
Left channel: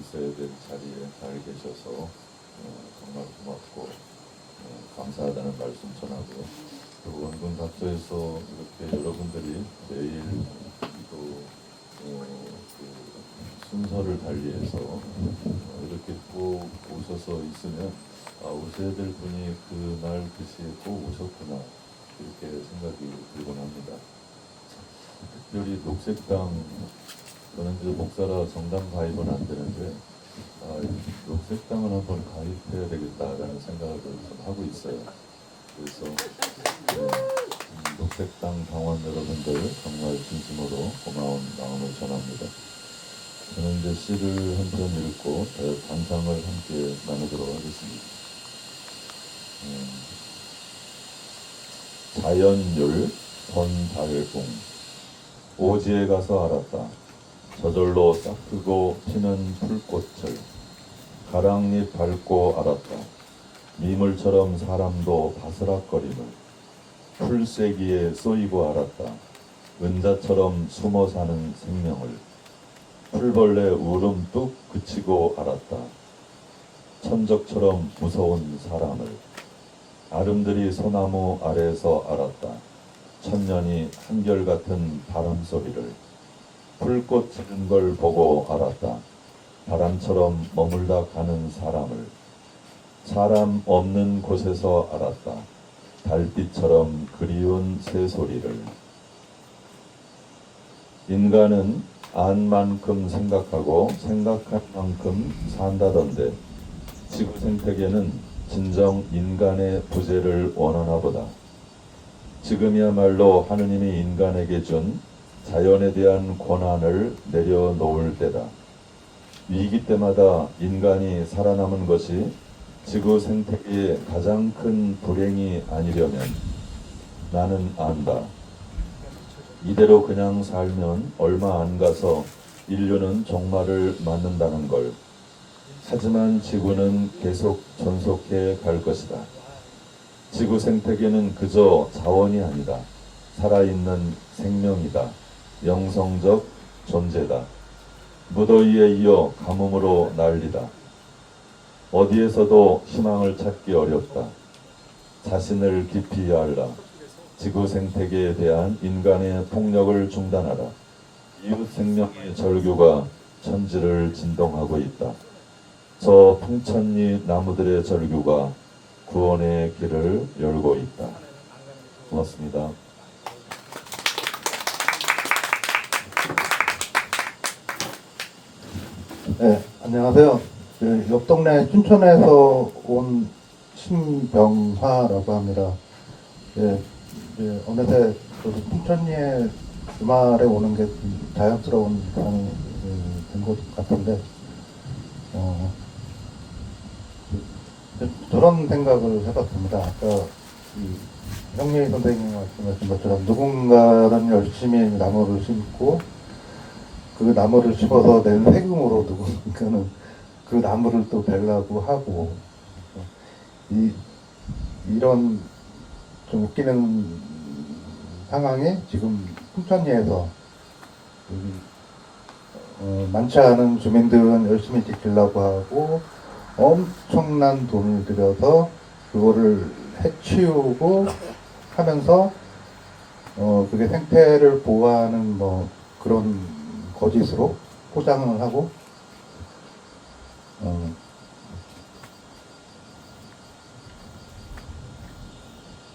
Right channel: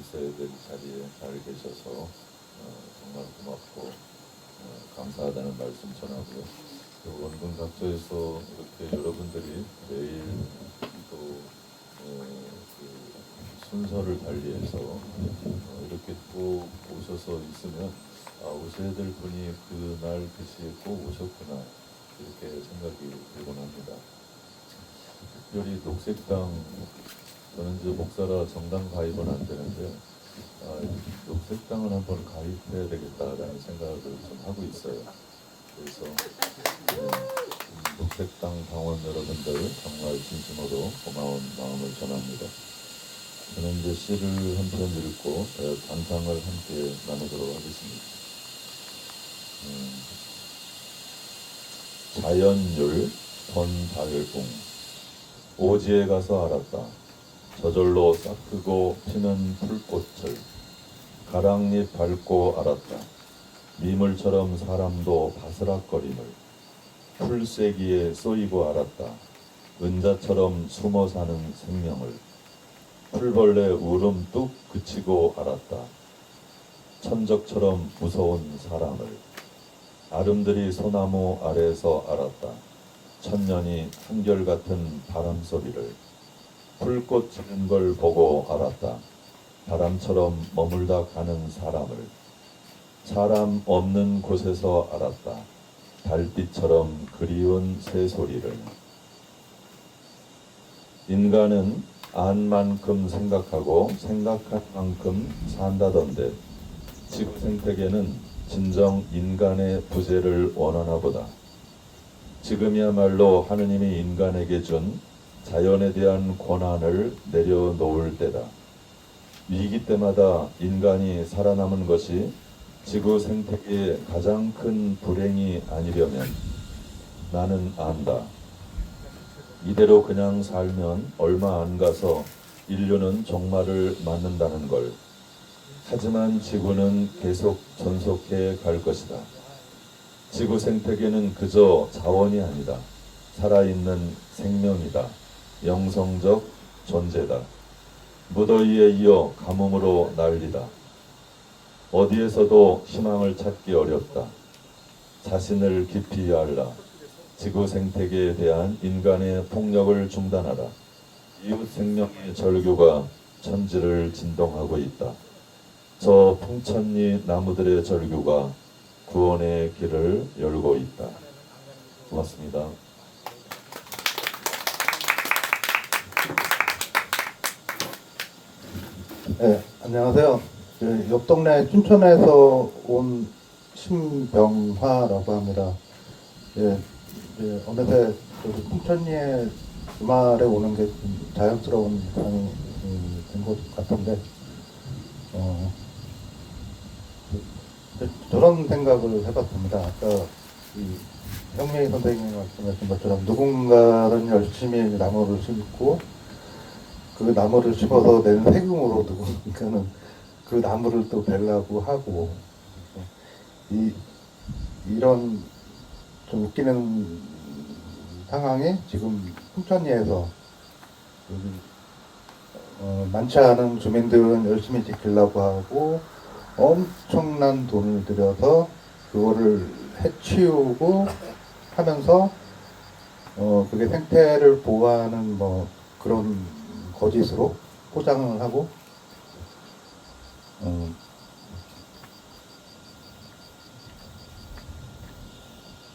있어야 될 자리에 잘 계셔서 정말 고맙고 감사하다는 말씀 전하고 또 원군 각도에서 이렇게 여러분들이 매일 그 순서를 달리해서 이렇게 꼭 오셔서 있으면 오셔야 될 분이 그날 그 시에 꼭 오셨구나 이렇게 생각이 들곤 합니다. 특별히 녹색당 저는 이제 목사라 정당 가입은 안 되는데 녹색당은 한번 가입해야 되겠다라는 생각을 좀 하고 있어요. 그래서 녹색당 당원 여러분들 정말 진심으로 고마운 마음을 전합니다. 저는 이제 시를 한 편 읽고 단상을 함께 나누도록 하겠습니다. 자연율 번달궁 오지에 가서 알았다. 저절로 싹트고 피는 풀꽃을 가랑잎 밟고 알았다. 미물처럼 사람도 바스락거림을 풀세기에 쏘이고 알았다. 은자처럼 숨어 사는 생명을 풀벌레 울음 뚝 그치고 알았다. 천적처럼 무서운 사람을 아름드리 소나무 아래에서 알았다. 천년이 한결같은 바람소리를 풀꽃 지는 걸 보고 알았다. 바람처럼 머물다 가는 사람을 사람 없는 곳에서 알았다. 달빛처럼 그리운 새소리를 인간은 안 만큼 생각하고 생각한 만큼 산다던데 지구 생태계는 진정 인간의 부재를 원하나 보다. 지금이야말로 하느님이 인간에게 준 자연에 대한 권한을 내려놓을 때다. 위기 때마다 인간이 살아남은 것이 지구 생태계의 가장 큰 불행이 아니려면 나는 안다. 이대로 그냥 살면 얼마 안 가서 인류는 종말을 맞는다는 걸. 하지만 지구는 계속 존속해 갈 것이다. 지구 생태계는 그저 자원이 아니다. 살아있는 생명이다. 영성적 존재다. 무더위에 이어 가뭄으로 난리다. 어디에서도 희망을 찾기 어렵다. 자신을 깊이 알라. 지구 생태계에 대한 인간의 폭력을 중단하라. 이웃 생명의 절규가 천지를 진동하고 있다. 저 풍천리 나무들의 절규가 구원의 길을 열고 있다. 고맙습니다. 네, 안녕하세요. 옆 동네 춘천에서 온 신병화라고 합니다. 어느새 풍천리에 주말에 오는 게 좀 자연스러운 상황이 된 것 같은데 저런 생각을 해봤습니다. 아까 형님 선생님이 말씀하신 것처럼 누군가는 열심히 나무를 심고 그 나무를 심어서 낸 세금으로 누군가는 그 나무를 또 베려고 하고 이런 좀 웃기는 상황이 지금 풍천리에서 많지 않은 주민들은 열심히 지키려고 하고 엄청난 돈을 들여서 그거를 해치우고 하면서 그게 생태를 보호하는 뭐 그런 거짓으로 포장을 하고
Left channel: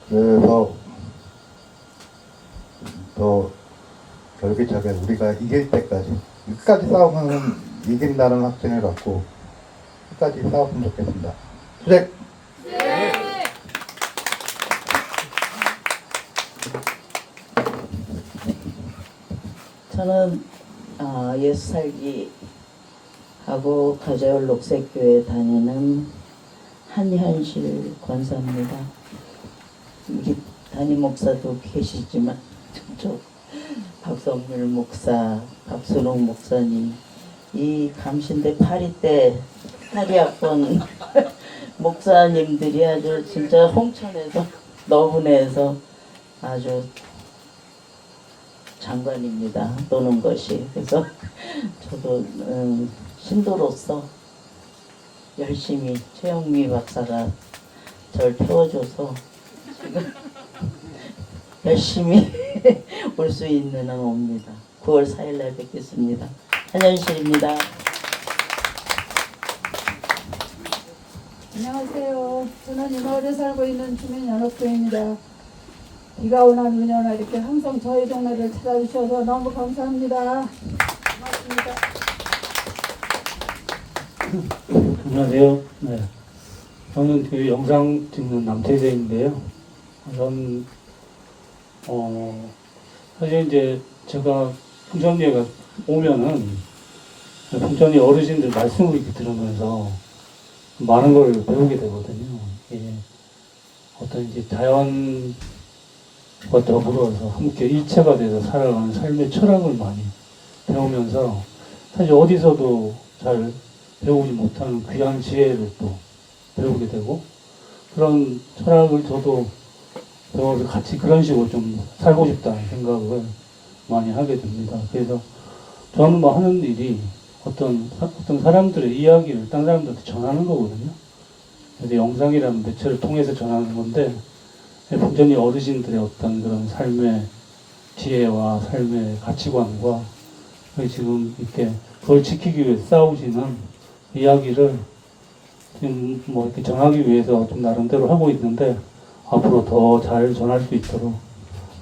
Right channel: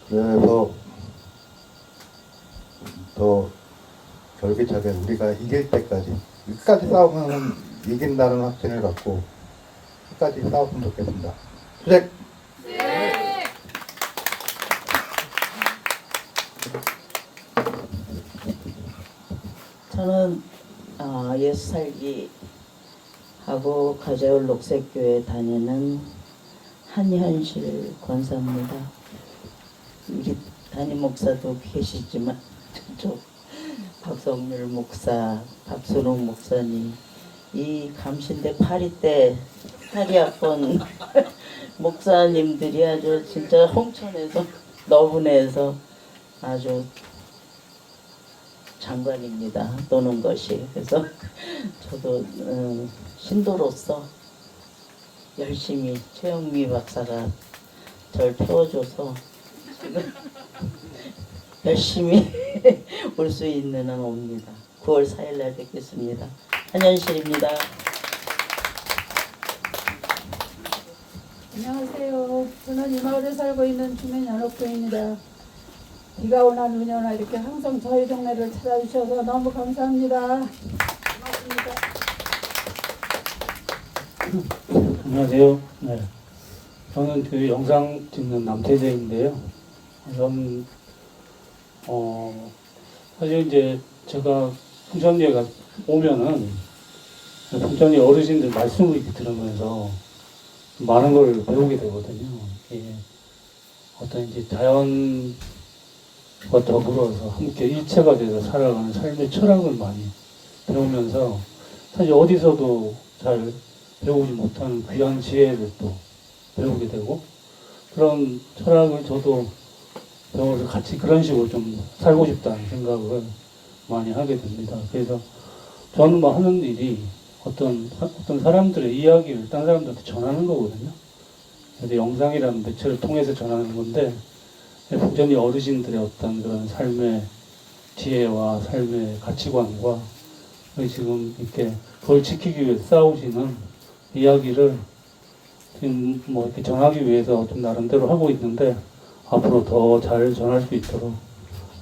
그래서 더 결기차게 우리가 이길 때까지 끝까지 싸우면 이긴다는 확신을 갖고 끝까지 싸웠으면 좋겠습니다. 수색! 저는 예수 살기 하고 가자율 녹색교회 다니는 한현실 권사입니다. 여기 담임 목사도 계시지만 저 박성률 목사, 박순웅 목사님, 이 감신대 8위 때 탈의학번 목사님들이 아주 진짜 홍천에서 너분해서 아주 장관입니다. 노는 것이. 그래서 저도 신도로서 열심히 최영미 박사가 절 태워줘서 지금 열심히 올 수 있는 한 옵니다. 9월 4일 날 뵙겠습니다. 한현실입니다. 안녕하세요. 저는 이 마을에 살고 있는 주민연합회입니다. 비가 오나 눈이 오나 이렇게 항상 저희 동네를 찾아주셔서 너무 감사합니다. 고맙습니다. 안녕하세요. 네. 저는 그 영상 찍는 남태재인데요. 저는 사실 이제 제가 풍천리에 오면은 풍천리 어르신들 말씀을 이렇게 들으면서 많은 걸 배우게 되거든요. 이게 어떤 이제 자연과 더불어서 함께 일체가 돼서 살아가는 삶의 철학을 많이 배우면서 사실 어디서도 잘 배우지 못하는 귀한 지혜를 또 배우게 되고 그런 철학을 저도 배워서 같이 그런 식으로 좀 살고 싶다는 생각을 많이 하게 됩니다. 그래서 저는 뭐 하는 일이 어떤 사람들의 이야기를 딴 사람들한테 전하는 거거든요. 그래서 영상이라는 매체를 통해서 전하는 건데 풍천리 어르신들의 어떤 그런 삶의 지혜와 삶의 가치관과 지금 이렇게 그걸 지키기 위해 싸우시는 이야기를 지금 뭐 이렇게 전하기 위해서 좀 나름대로 하고 있는데 앞으로 더 잘 전할 수 있도록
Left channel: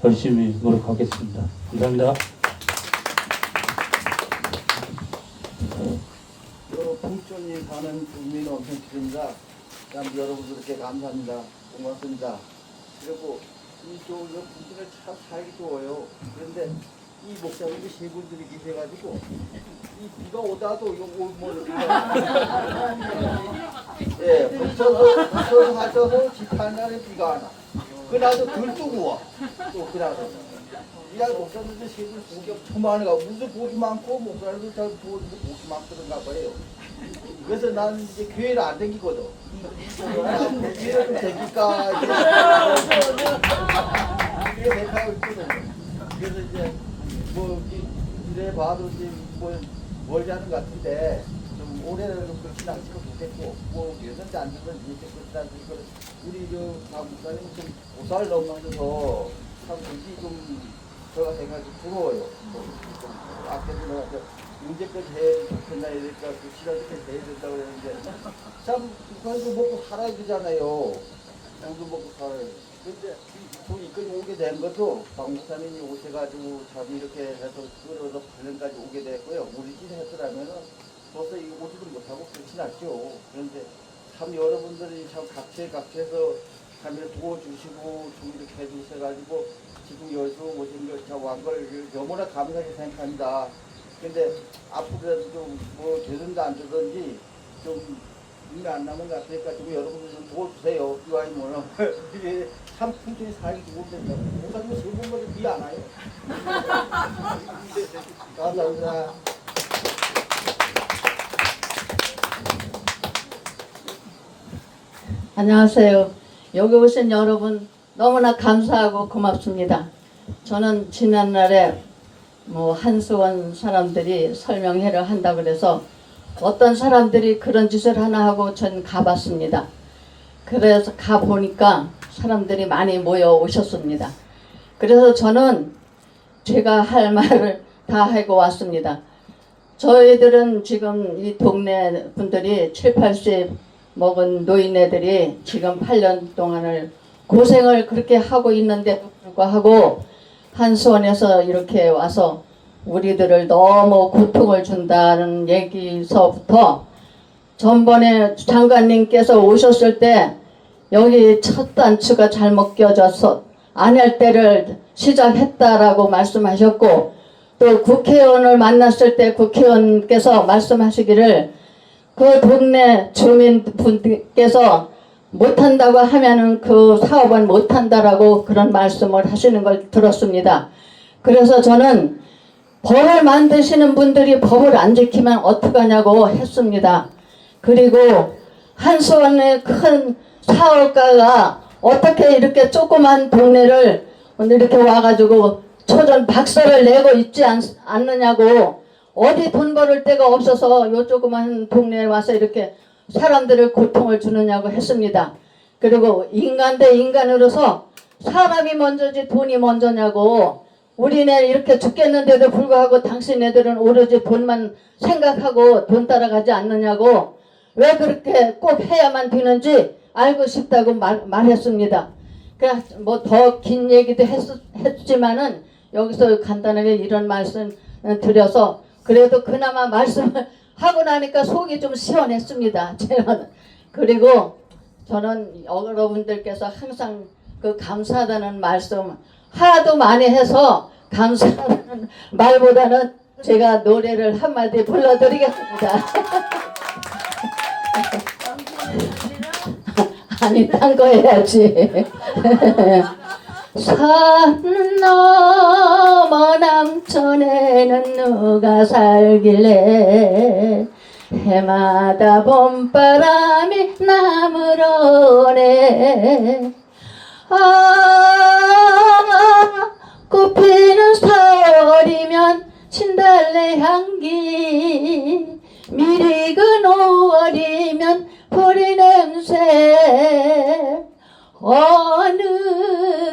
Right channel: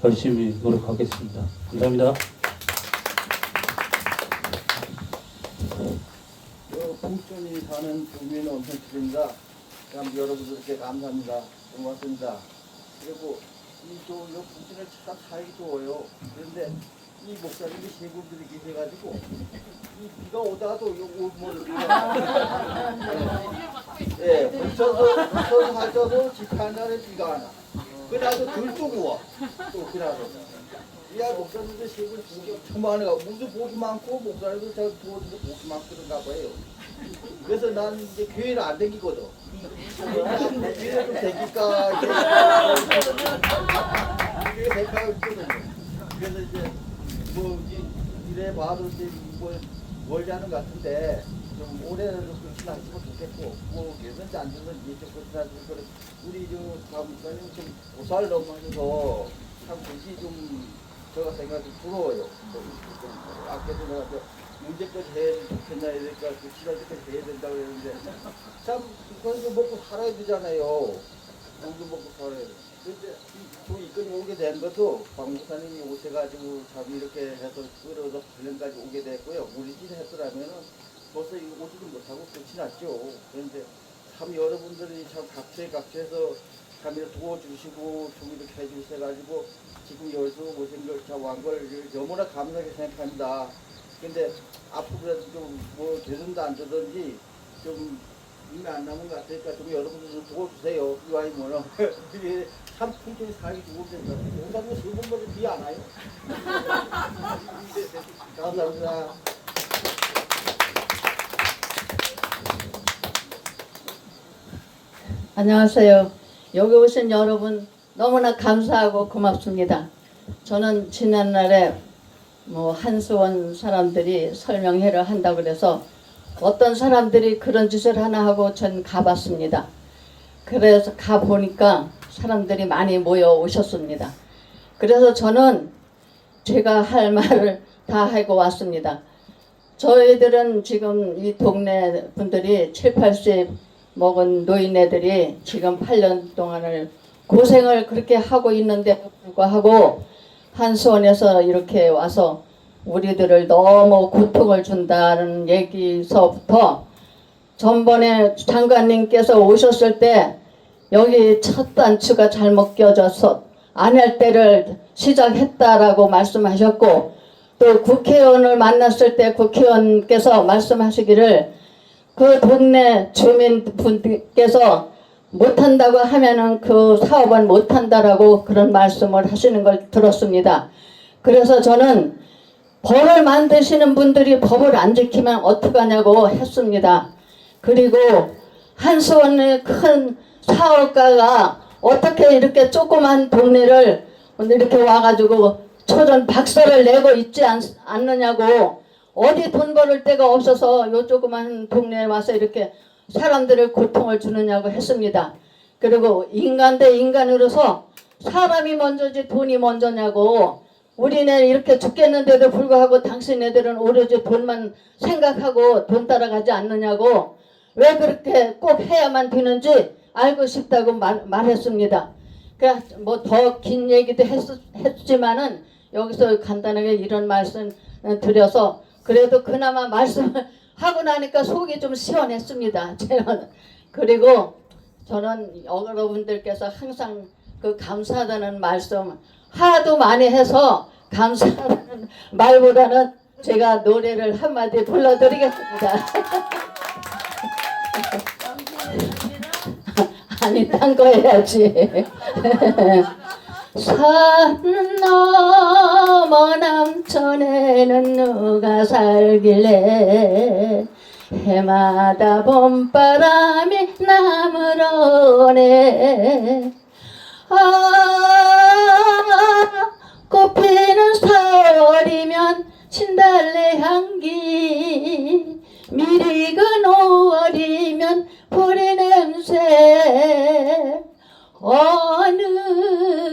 열심히 노력하겠습니다. 감사합니다. 풍천이 사는 국민 엄청집입니다. 여러분들께 감사합니다. 고맙습니다. 그리고 이쪽 풍천을 참 살기 좋아요. 그런데 이 목사님이 세 분들이 계셔가지고 이 비가 오다가도 예, 붙여서 하셔도 집한 날에 비가 안 와. 그날도 들뜨고 와. 또 그날도. 이 목사님들 세 분 복이 엄청 많아가 무슨 복이 많고 목사님들 잘 도와주는데 복이 많고 그런가 봐요. 그래서 나는 이제 교회를 안 다니거든. 교회를 좀 다닐까 그렇게 생각하고 있거든요. 그래서 이제 뭐 이래 봐도 이제 뭐 멀지 않은 것 같은데 좀 올해는 좀 그렇게 나왔으면 좋겠고 뭐 되든지 안 되든지 좀 그렇게 나왔으면 우리 저 목사님 좀 보살 너무 하셔서 참 그게 좀 제가 생각이 부러워요. 뭐 좀 아껴서 나가서 문제까지 해야 좋겠나 이러니까 그 지난주까지 해야 된다고 그랬는데 참 그래서 먹고 살아야 되잖아요. 양도 먹고 살아야 돼. 근데 저 이까지 오게 된 것도 박 목사님이 오셔가지고 참 이렇게 해서 끌어서 8년까지 오게 됐고요. 우리 집 했더라면은 벌써 오지도 못하고 그렇진 않죠. 그런데 참 여러분들이 참 각처에서 참 이렇게 도와주시고 좀 이렇게 해주셔가지고 지금 여기서 오신 걸 왕걸 너무나 감사하게 생각합니다. 근데 앞으로라도 좀 뭐 되든지 안 되든지 좀 일이 안 남은 것 같으니까 좀 여러분들 좀 도와주세요. 이와이면은 참 풍천이 살기 좋은데 목사님 세번까지 비 안 와요. 감사합니다. 안녕하세요. 여기 오신 여러분 너무나 감사하고 고맙습니다. 저는 지난날에 뭐 한수원 사람들이 설명회를 한다고 그래서 어떤 사람들이 그런 짓을 하나 하고 전 가봤습니다. 그래서 가보니까 사람들이 많이 모여 오셨습니다. 그래서 저는 제가 할 말을 다 하고 왔습니다. 저희들은 지금 이 동네 분들이 7, 80 먹은 노인네들이 지금 8년 동안을 고생을 그렇게 하고 있는데도 불구하고 한수원에서 이렇게 와서 우리들을 너무 고통을 준다는 얘기서부터 전번에 장관님께서 오셨을 때 여기 첫 단추가 잘못 껴져서 안 할 때를 시작했다라고 말씀하셨고 또 국회의원을 만났을 때 국회의원께서 말씀하시기를 그 동네 주민분께서 못한다고 하면은 그 사업은 못한다라고 그런 말씀을 하시는 걸 들었습니다. 그래서 저는 법을 만드시는 분들이 법을 안 지키면 어떡하냐고 했습니다. 그리고 한수원의 큰 사업가가 어떻게 이렇게 조그만 동네를 이렇게 와가지고 초전 박살을 내고 있지 않느냐고, 어디 돈 벌을 데가 없어서 요 조그만 동네에 와서 이렇게 사람들을 고통을 주느냐고 했습니다. 그리고 인간 대 인간으로서 사람이 먼저지 돈이 먼저냐고, 우리네 이렇게 죽겠는데도 불구하고 당신네들은 오로지 돈만 생각하고 돈 따라가지 않느냐고, 왜 그렇게 꼭 해야만 되는지 알고 싶다고 말했습니다. 그래 뭐 더 긴 얘기도 했지만은 여기서 간단하게 이런 말씀 드려서 그래도 그나마 말씀을 하고 나니까 속이 좀 시원했습니다. 제가. 그리고 저는 여러분들께서 항상 그 감사하다는 말씀 하도 많이 해서 감사하다는 말보다는 제가 노래를 한마디 불러드리겠습니다. 아니 딴 거 해야지. 산 넘어 남천에는 누가 살길래 해마다 봄바람이 나물 오네. 꽃피는 서울이면 진달래 향기, 미리 그 5월이면 보리 냄새, 어느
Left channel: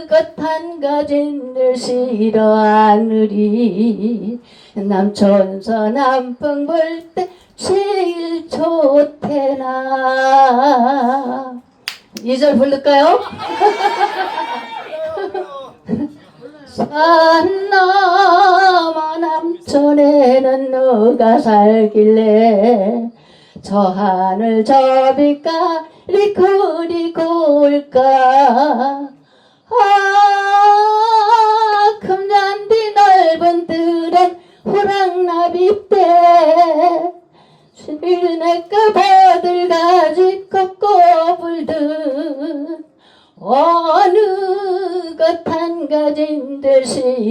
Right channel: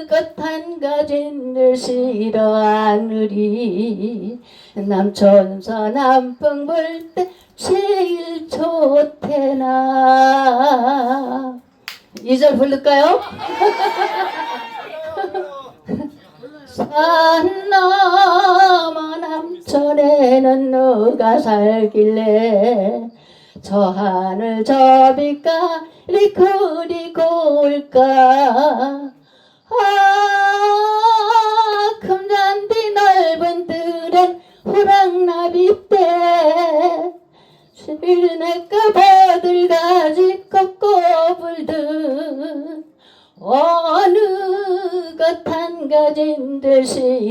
것 한 가진들 싫어하느리 남천서 남풍 불 때 제일 좋대나. 2절 부를까요? 산 넘어 남천에는 누가 살길래 저 하늘 저 빛깔이 그리고 올까. 금잔디 넓은 들엔 호랑나비 때 실내가 버들가지 꺾어 불듯 어느 것 한 가진들 싫어하느리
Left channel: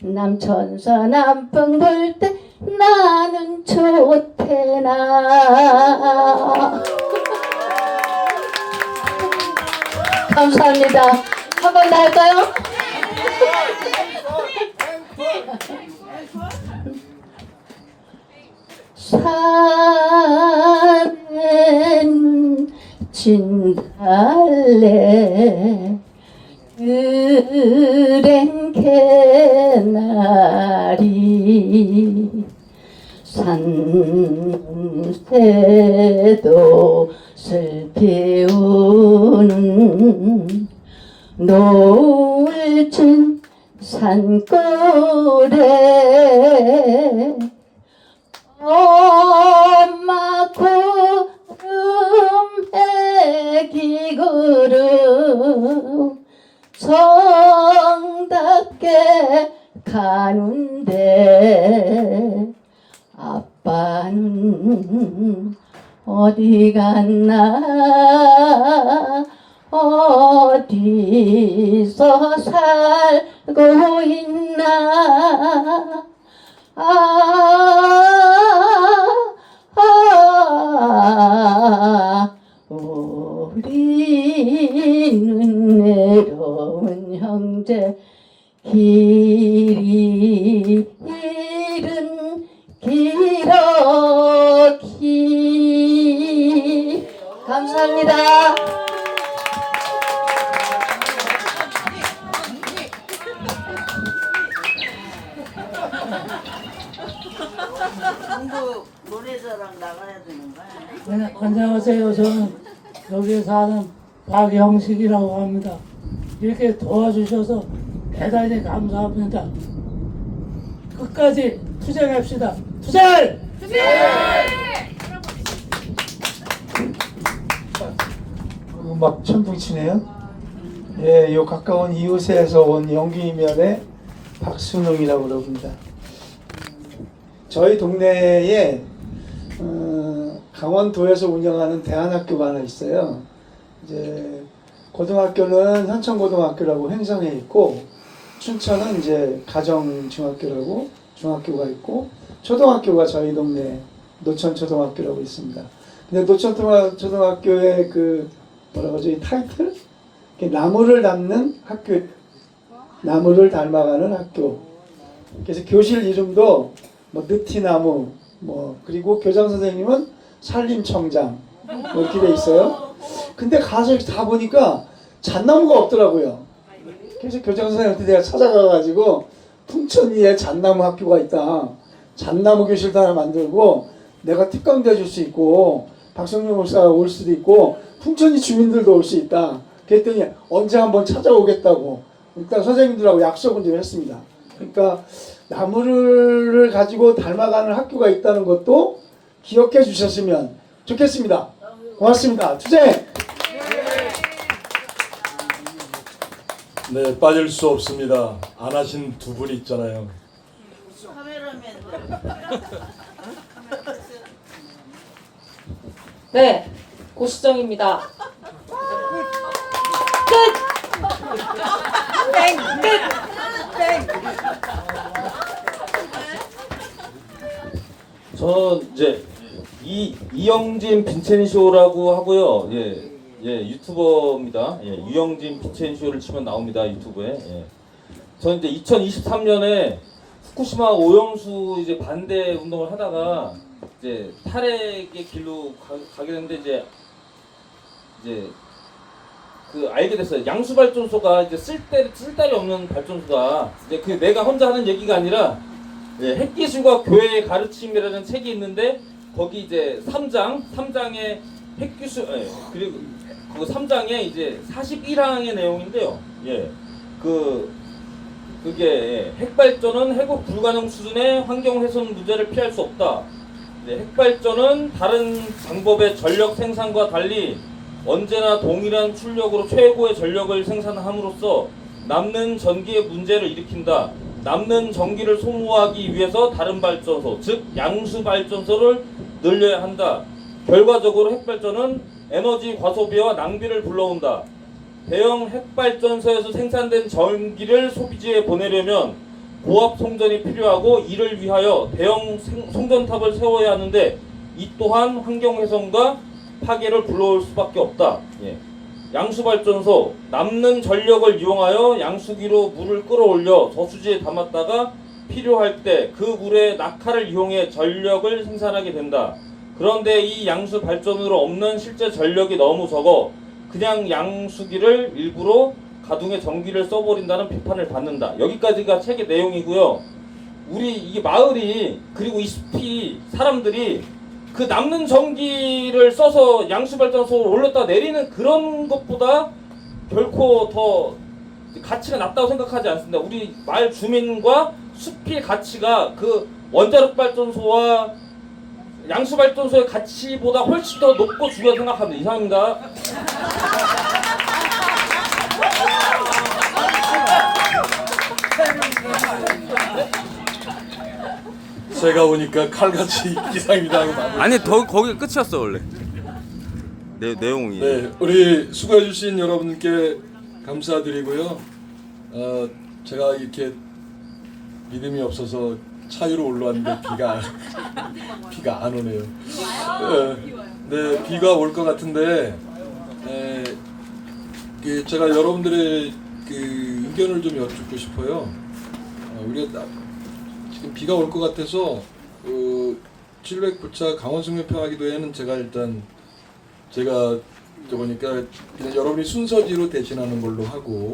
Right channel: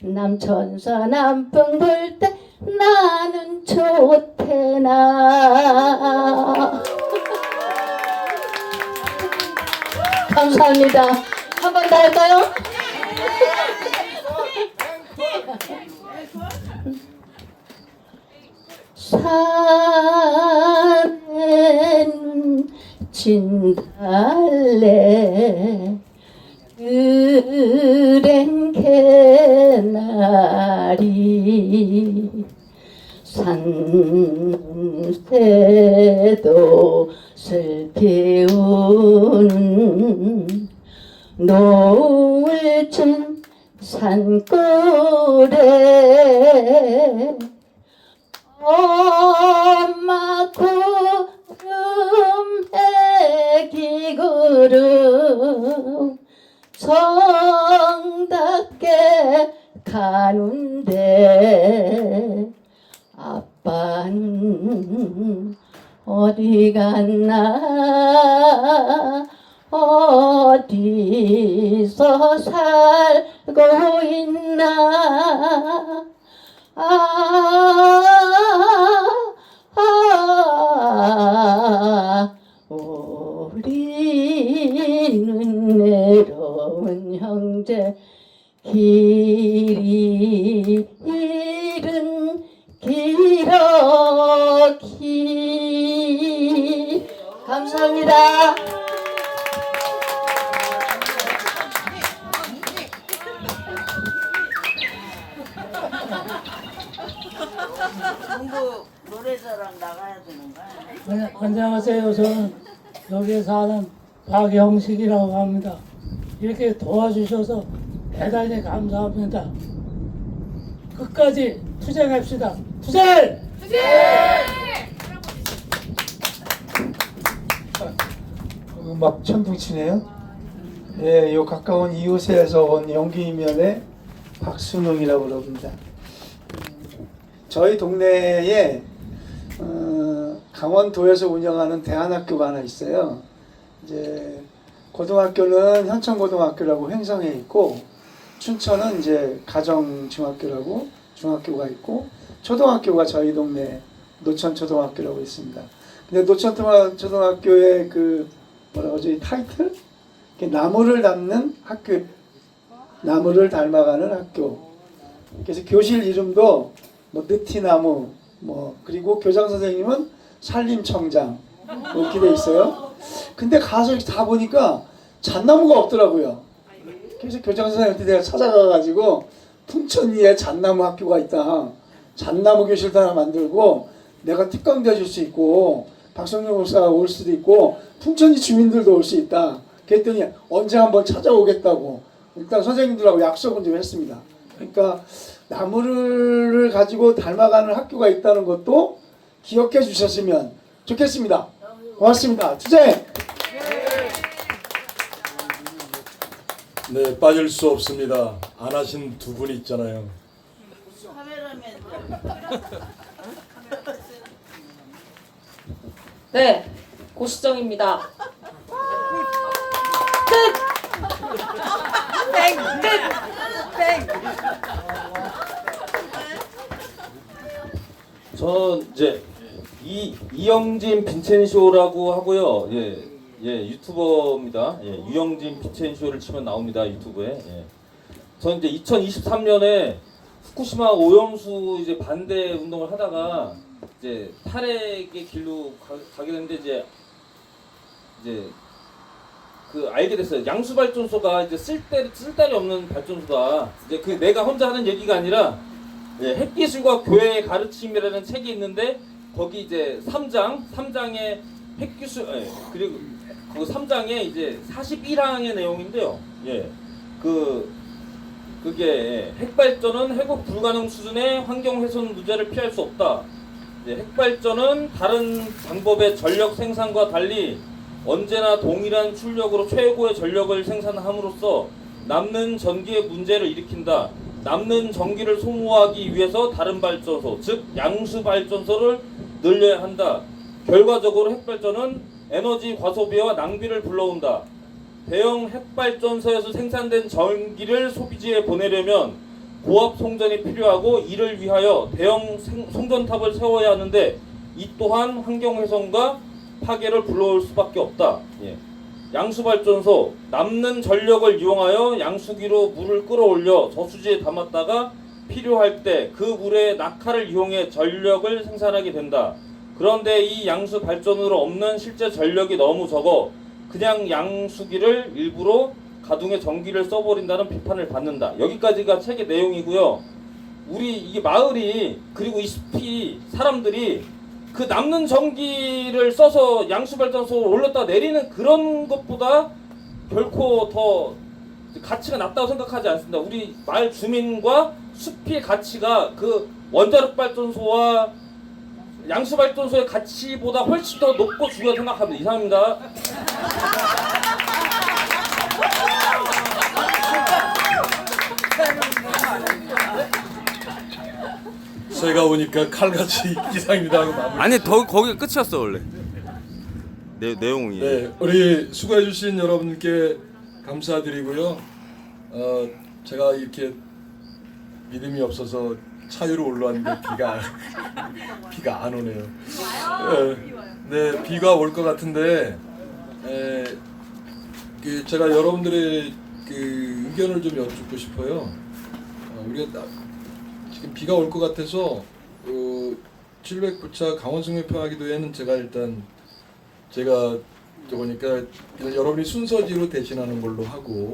남천서 남풍 불 때 나는 좋대나. 감사합니다. 한 번 더 할까요? 산엔 진달래 그랜 개나리 산새도 슬피 우는 노을 진 산골에 엄마 구름에 기구름 정답게 가는데 아빠는 어디 갔나, 어디서 살고 있나. 우리는 외로운 형제 길이 길은 길었기. 감사합니다. 공부 노래자랑 나가야 되는 거야? 네, 안녕하세요. 저는 여기에 사는 박영식이라고 합니다. 이렇게 도와주셔서 대단히 감사합니다. 끝까지 투쟁합시다. 투쟁! 막 천둥치네요. 예, 요 가까운 이웃에서 온 영기면의 박순웅이라고 그럽니다. 저희 동네에 강원도에서 운영하는 대안학교가 하나 있어요. 이제 고등학교는 현천고등학교라고 횡성에 있고 춘천은 이제 가정중학교라고 중학교가 있고 초등학교가 저희 동네 노천초등학교라고 있습니다. 근데 노천초등학교의 그 뭐라고 하죠? 이 타이틀? 나무를 닮는 학교, 나무를 닮아가는 학교. 그래서 교실 이름도 뭐 느티나무, 뭐 그리고 교장 선생님은 산림청장 이렇게 돼 있어요. 근데 가서 다 보니까 잣나무가 없더라고요. 그래서 교장 선생님한테 내가 찾아가가지고 풍천리에 잣나무 학교가 있다. 잣나무 교실도 하나 만들고 내가 특강도 해줄 수 있고 박성준 목사가 올 수도 있고 풍천리 주민들도 올 수 있다. 그랬더니 언제 한번 찾아오겠다고 일단 선생님들하고 약속은 좀 했습니다. 그러니까 나무를 가지고 닮아가는 학교가 있다는 것도 기억해 주셨으면 좋겠습니다. 고맙습니다. 주제! 네, 빠질 수 없습니다. 안 하신 두 분 있잖아요. 네, 고수정입니다. 끝! 저는 이제 이영진 빈첸쇼라고 하고요. 예, 유튜버입니다. 예, 유영진 빈첸쇼를 치면 나옵니다. 유튜브에. 예. 저는 이제 2023년에 후쿠시마 오염수 이제 반대 운동을 하다가 이제 탈핵의 길로 가게 됐는데 이제 그 알게 됐어요. 양수 발전소가 이제 쓸데리 없는 발전소다. 이제 그 내가 혼자 하는 얘기가 아니라 예, 핵기술과 교회의 가르침이라는 책이 있는데 거기 이제 3장에 핵기술 그리고 그 3장에 이제 41항의 내용인데요. 예. 그게 핵발전은 회복 불가능 수준의 환경 훼손 문제를 피할 수 없다. 핵발전은 다른 방법의 전력 생산과 달리 언제나 동일한 출력으로 최고의 전력을 생산함으로써 남는 전기의 문제를 일으킨다. 남는 전기를 소모하기 위해서 다른 발전소, 즉 양수 발전소를 늘려야 한다. 결과적으로 핵발전은 에너지 과소비와 낭비를 불러온다. 대형 핵발전소에서 생산된 전기를 소비지에 보내려면 고압 송전이 필요하고 이를 위하여 대형 송전탑을 세워야 하는데 이 또한 환경훼손과 파괴를 불러올 수밖에 없다. 예. 양수발전소, 남는 전력을 이용하여 양수기로 물을 끌어올려 저수지에 담았다가 필요할 때 그 물에 낙하를 이용해 전력을 생산하게 된다. 그런데 이 양수발전으로 없는 실제 전력이 너무 적어 그냥 양수기를 일부러 가동해 전기를 써버린다는 비판을 받는다. 여기까지가 책의 내용이고요. 우리 이게 마을이 그리고 이 숲이 사람들이 그 남는 전기를 써서 양수발전소를 올렸다 내리는 그런 것보다 결코 더 가치가 낮다고 생각하지 않습니다. 우리 마을 주민과 숲의 가치가 그 원자력 발전소와 양수발전소의 가치보다 훨씬 더 높고 중요하다고 생각합니다. 이상입니다. 제가 오니까 칼같이 이상입니다 하고 마무리. 아니 거기가 끝이었어 원래. 내용이. 네, 우리 수고해 주신 여러분께 감사드리고요. 제가 이렇게 믿음이 없어서 차 위로 올라왔는데 비가 안 오네요. 네, 비가 올 것 같은데 제가 여러분들의 그 의견을 좀 여쭙고 싶어요. 우리가 지금 비가 올 것 같아서 709차 강원승려평화기도회는 제가 보니까 여러분이 순서지로 대신하는 걸로 하고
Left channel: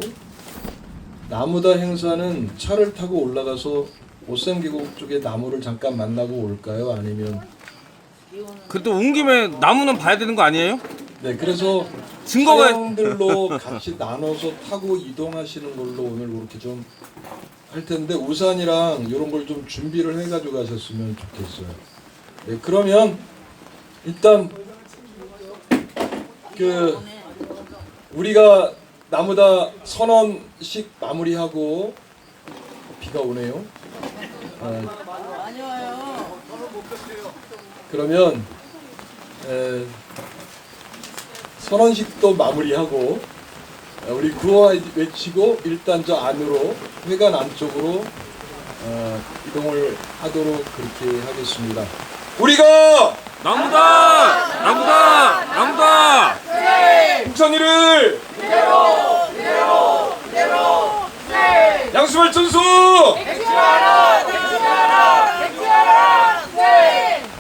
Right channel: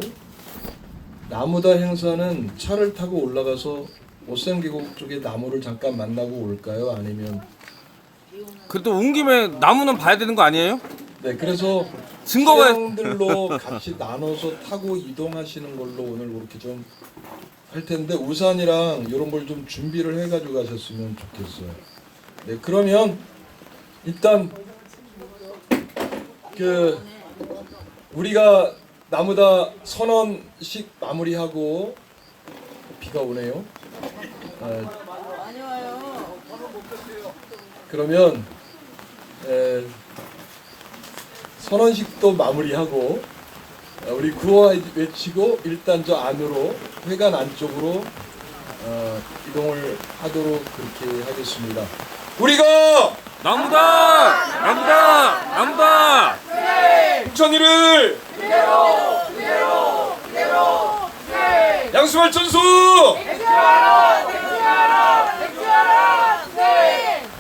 나무다 행사는 차를 타고 올라가서 오샘계곡 쪽에 나무를 잠깐 만나고 올까요? 아니면 그래도 온 김에 나무는 봐야 되는 거 아니에요? 네, 그래서 증거가 차량들로 같이 나눠서 타고 이동하시는 걸로 오늘 그렇게 좀 할 텐데 우산이랑 이런 걸 좀 준비를 해가지고 가셨으면 좋겠어요. 네, 그러면 일단 우리가 나무다 선언식 마무리하고 비가 오네요. 그러면 선언식도 마무리하고 우리 구호 외치고 일단 저 안으로 회관 안쪽으로 이동을 하도록 그렇게 하겠습니다. 우리가 나무다! 나무다! 나무다! 인천이를 양수발전소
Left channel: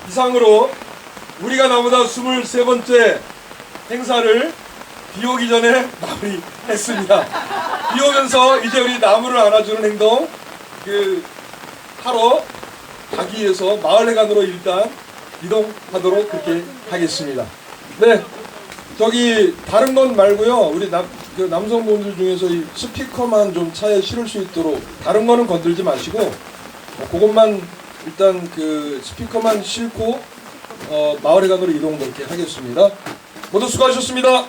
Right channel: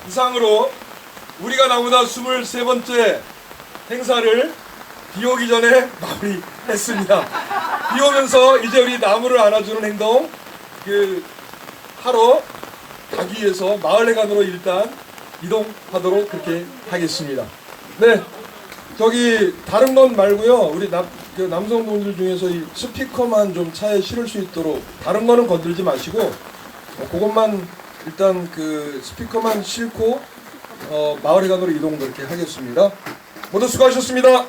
이상으로 우리가 나무다 23번째 행사를 비 오기 전에 마무리했습니다. 비 오면서 이제 우리 나무를 안아주는 행동 하러 가기 위해서 마을회관으로 일단 이동하도록 그렇게 하겠습니다. 네, 저기 다른 건 말고요. 우리 남성분들 중에서 이 스피커만 좀 차에 실을 수 있도록 다른 거는 건들지 마시고 그것만 일단 스피커만 싣고 마을회관으로 이동 그렇게 하겠습니다. 모두 수고하셨습니다.